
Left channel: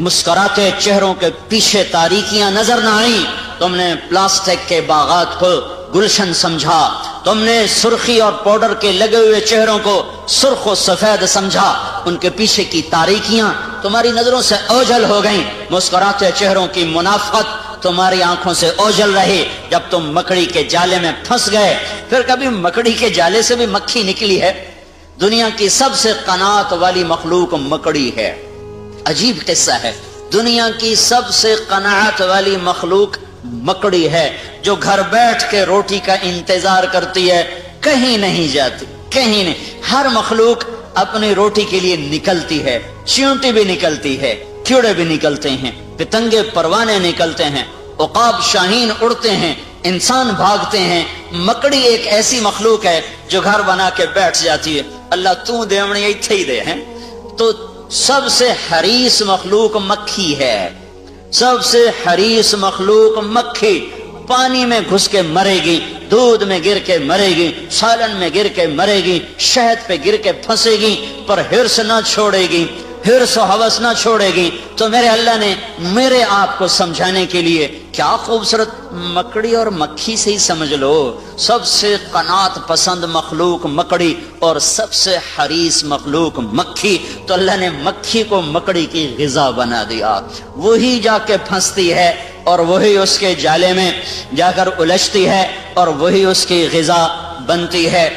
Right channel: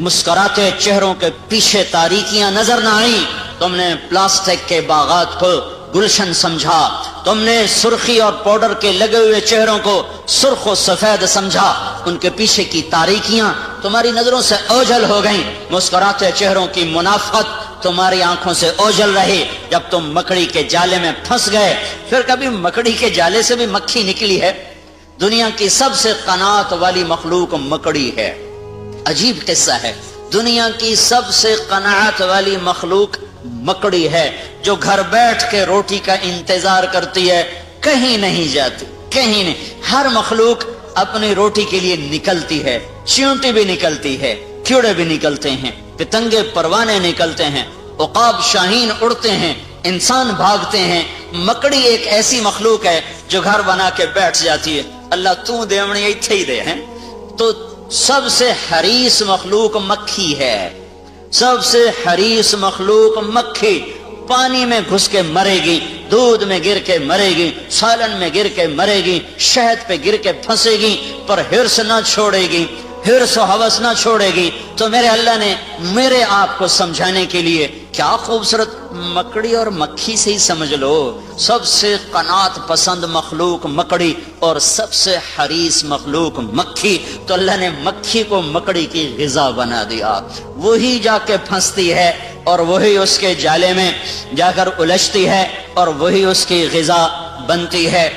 مسکراتے چہروں کے پیچھے تاریکیاں نظر نہ آئیں. تم نے پلاسٹک کے باغات کو گلشن سمجھا، تم نے سرخی اور پاؤڈر کے لگے ہوئے چہروں کو سرخ و سفید سمجھا. ان کے پیچھے کی تاریکیاں تمہاری نظروں سے اوجھل ہو گئیں. مسکراتے چہروں کی منافقت تمہاری آنکھوں سے اوجھل رہی. جب تم مکڑی کے جالے میں پھنس گئے، پھر کبھی مکڑی کے جالے سے بھی مکھی نکلی ہے. دنیا کی سب سے قناعت والی مخلوق مکڑی ہے. عجیب قصہ ہے، دنیا کی سب سے قناعت والی مخلوق مکڑی ہے، جو گھر بیٹھ کے روٹی کا انتظار کرتی ہے، کہیں نہیں جاتی، کہیں نہیں. ہر مخلوق اپنی روٹی کے لیے نکلتی ہے. چیونٹی بھی نکلتی ہے، کیڑے بھی نکلتے ہیں، پتنگے پروانے نکلتے ہیں، عقاب شاہین اڑتے ہیں، انسان بھاگتے ہیں. مکڑی ایک ایسی مخلوق ہے جو گھر بنا کے بیٹھ جاتی ہے. اللہ تو دے ہمیں ایتھے ہی دے ہیں. تو سب سے حریص مخلوق مکھی ہے، سب سے حریص مخلوق مکھی. پانی میں گھس کے مرے گی، دودھ میں گر کے مرے گی، سالن میں گر کے مرے گی، شہد پہ گر کے پھنسے گی، پر ہرس نہ چھوڑے گی، ہرس و ہوس نہ چھوڑے گی. تو میرے اللہ نے میرے آپ کو سمجھانے کے لیے کیا خوبصورت مکڑی اور مکھی سے ہی سمجھ لو. سب سے قناعت پسند مخلوق مکڑی اور سب سے حریص مخلوق مکھی. تو اللہ نے مکھی کو مکڑی کی غذا بنا دیا. وہی جا کے پھنستی ہے اور وہی اس کے جالے میں جا کر الجھتی ہے اور وہی اس کی غذا بنتی ہے.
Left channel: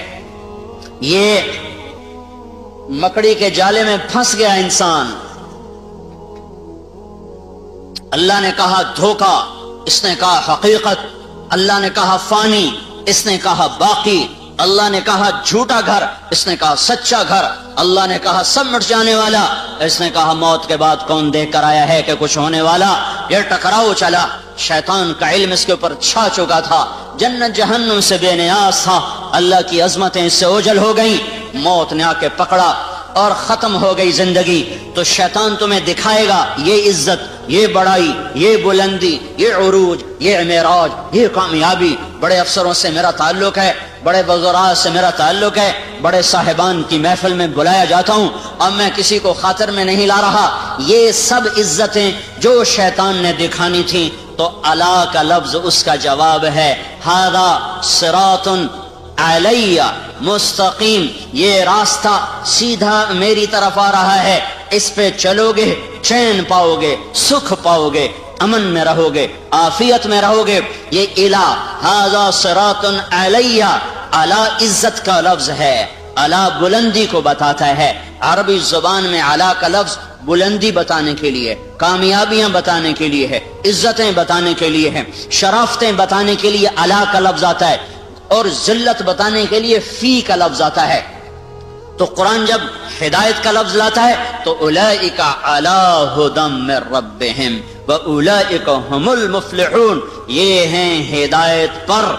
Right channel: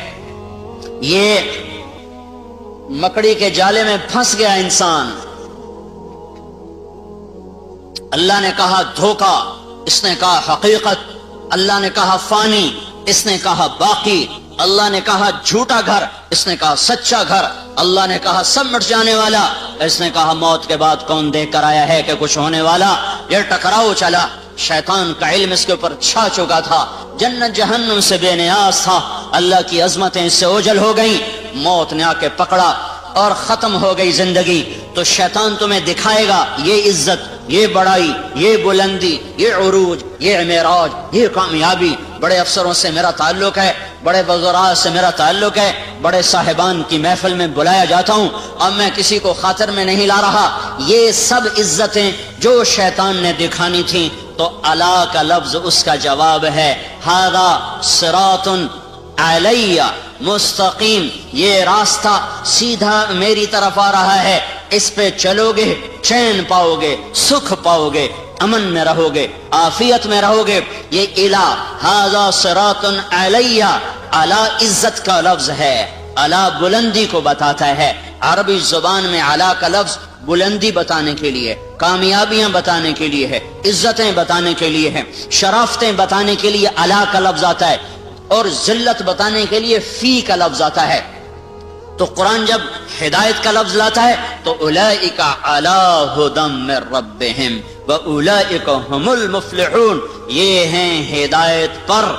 یہ مکڑی کے جالے میں پھنس گیا انسان. اللہ نے کہا دھوکہ، اس نے کہا حقیقت. اللہ نے کہا فانی، اس نے کہا باقی، اللہ نے کہا جھوٹا گھر، اس نے کہا سچا گھر، اللہ نے کہا سب مٹ جانے والا، اس نے کہا موت کے بعد کون دیکھ کر آیا ہے کہ کچھ ہونے والا۔ یہ ٹکراؤ چلا، شیطان کا علم اس کے اوپر چھا چکا تھا، جنت جہنم سے بے نیاز تھا، اللہ کی عظمتیں اس سے اوجھل ہو گئیں، موت نے آ کے پکڑا اور ختم ہو گئی زندگی۔ تو شیطان تمہیں دکھائے گا یہ عزت، یہ بڑائی، یہ بلندی، یہ عروج، یہ معراج، یہ کامیابی، بڑے افسروں سے میرا تعلق ہے، بڑے وزراء سے میرا تعلق ہے، بڑے صاحبان کی محفل میں بلایا جاتا ہوں اور میں کسی کو خاطر میں نہیں لا رہا۔ یہ سب عزتیں جو شیطان نے دکھانی تھیں، تو الا کا لفظ اس کا جواب ہے۔ ھذا صراط علیہ مستقیم، یہ راستہ سیدھا میری طرف آ رہا ہے، اس پہ چلو گے چین پاؤ گے، سکھ پاؤ گے، امن میں رہو گے، عافیت میں رہو گے۔ یہ الہ ھذا صراط علیہ، اعلی عزت کا لفظ ہے، اعلی بلندی کو بتاتا ہے۔ عربی زبان میں اعلی کا لفظ بلندی بتانے کے لیے، کامیابیاں بتانے کے لیے ہے، عزتیں بتانے کے لیے ہے، شرافتیں بتانے کے لیے اعلی کا لفظ آتا ہے، اور ذلت بتانے کے لیے فی کا لفظ آتا ہے۔ تو قرآن جب ہدایت کا لفظ لاتا ہے تو اولئک علی ھدی من ربہم واولئک ھم المفلحون، یہ ہیں ہدایت پر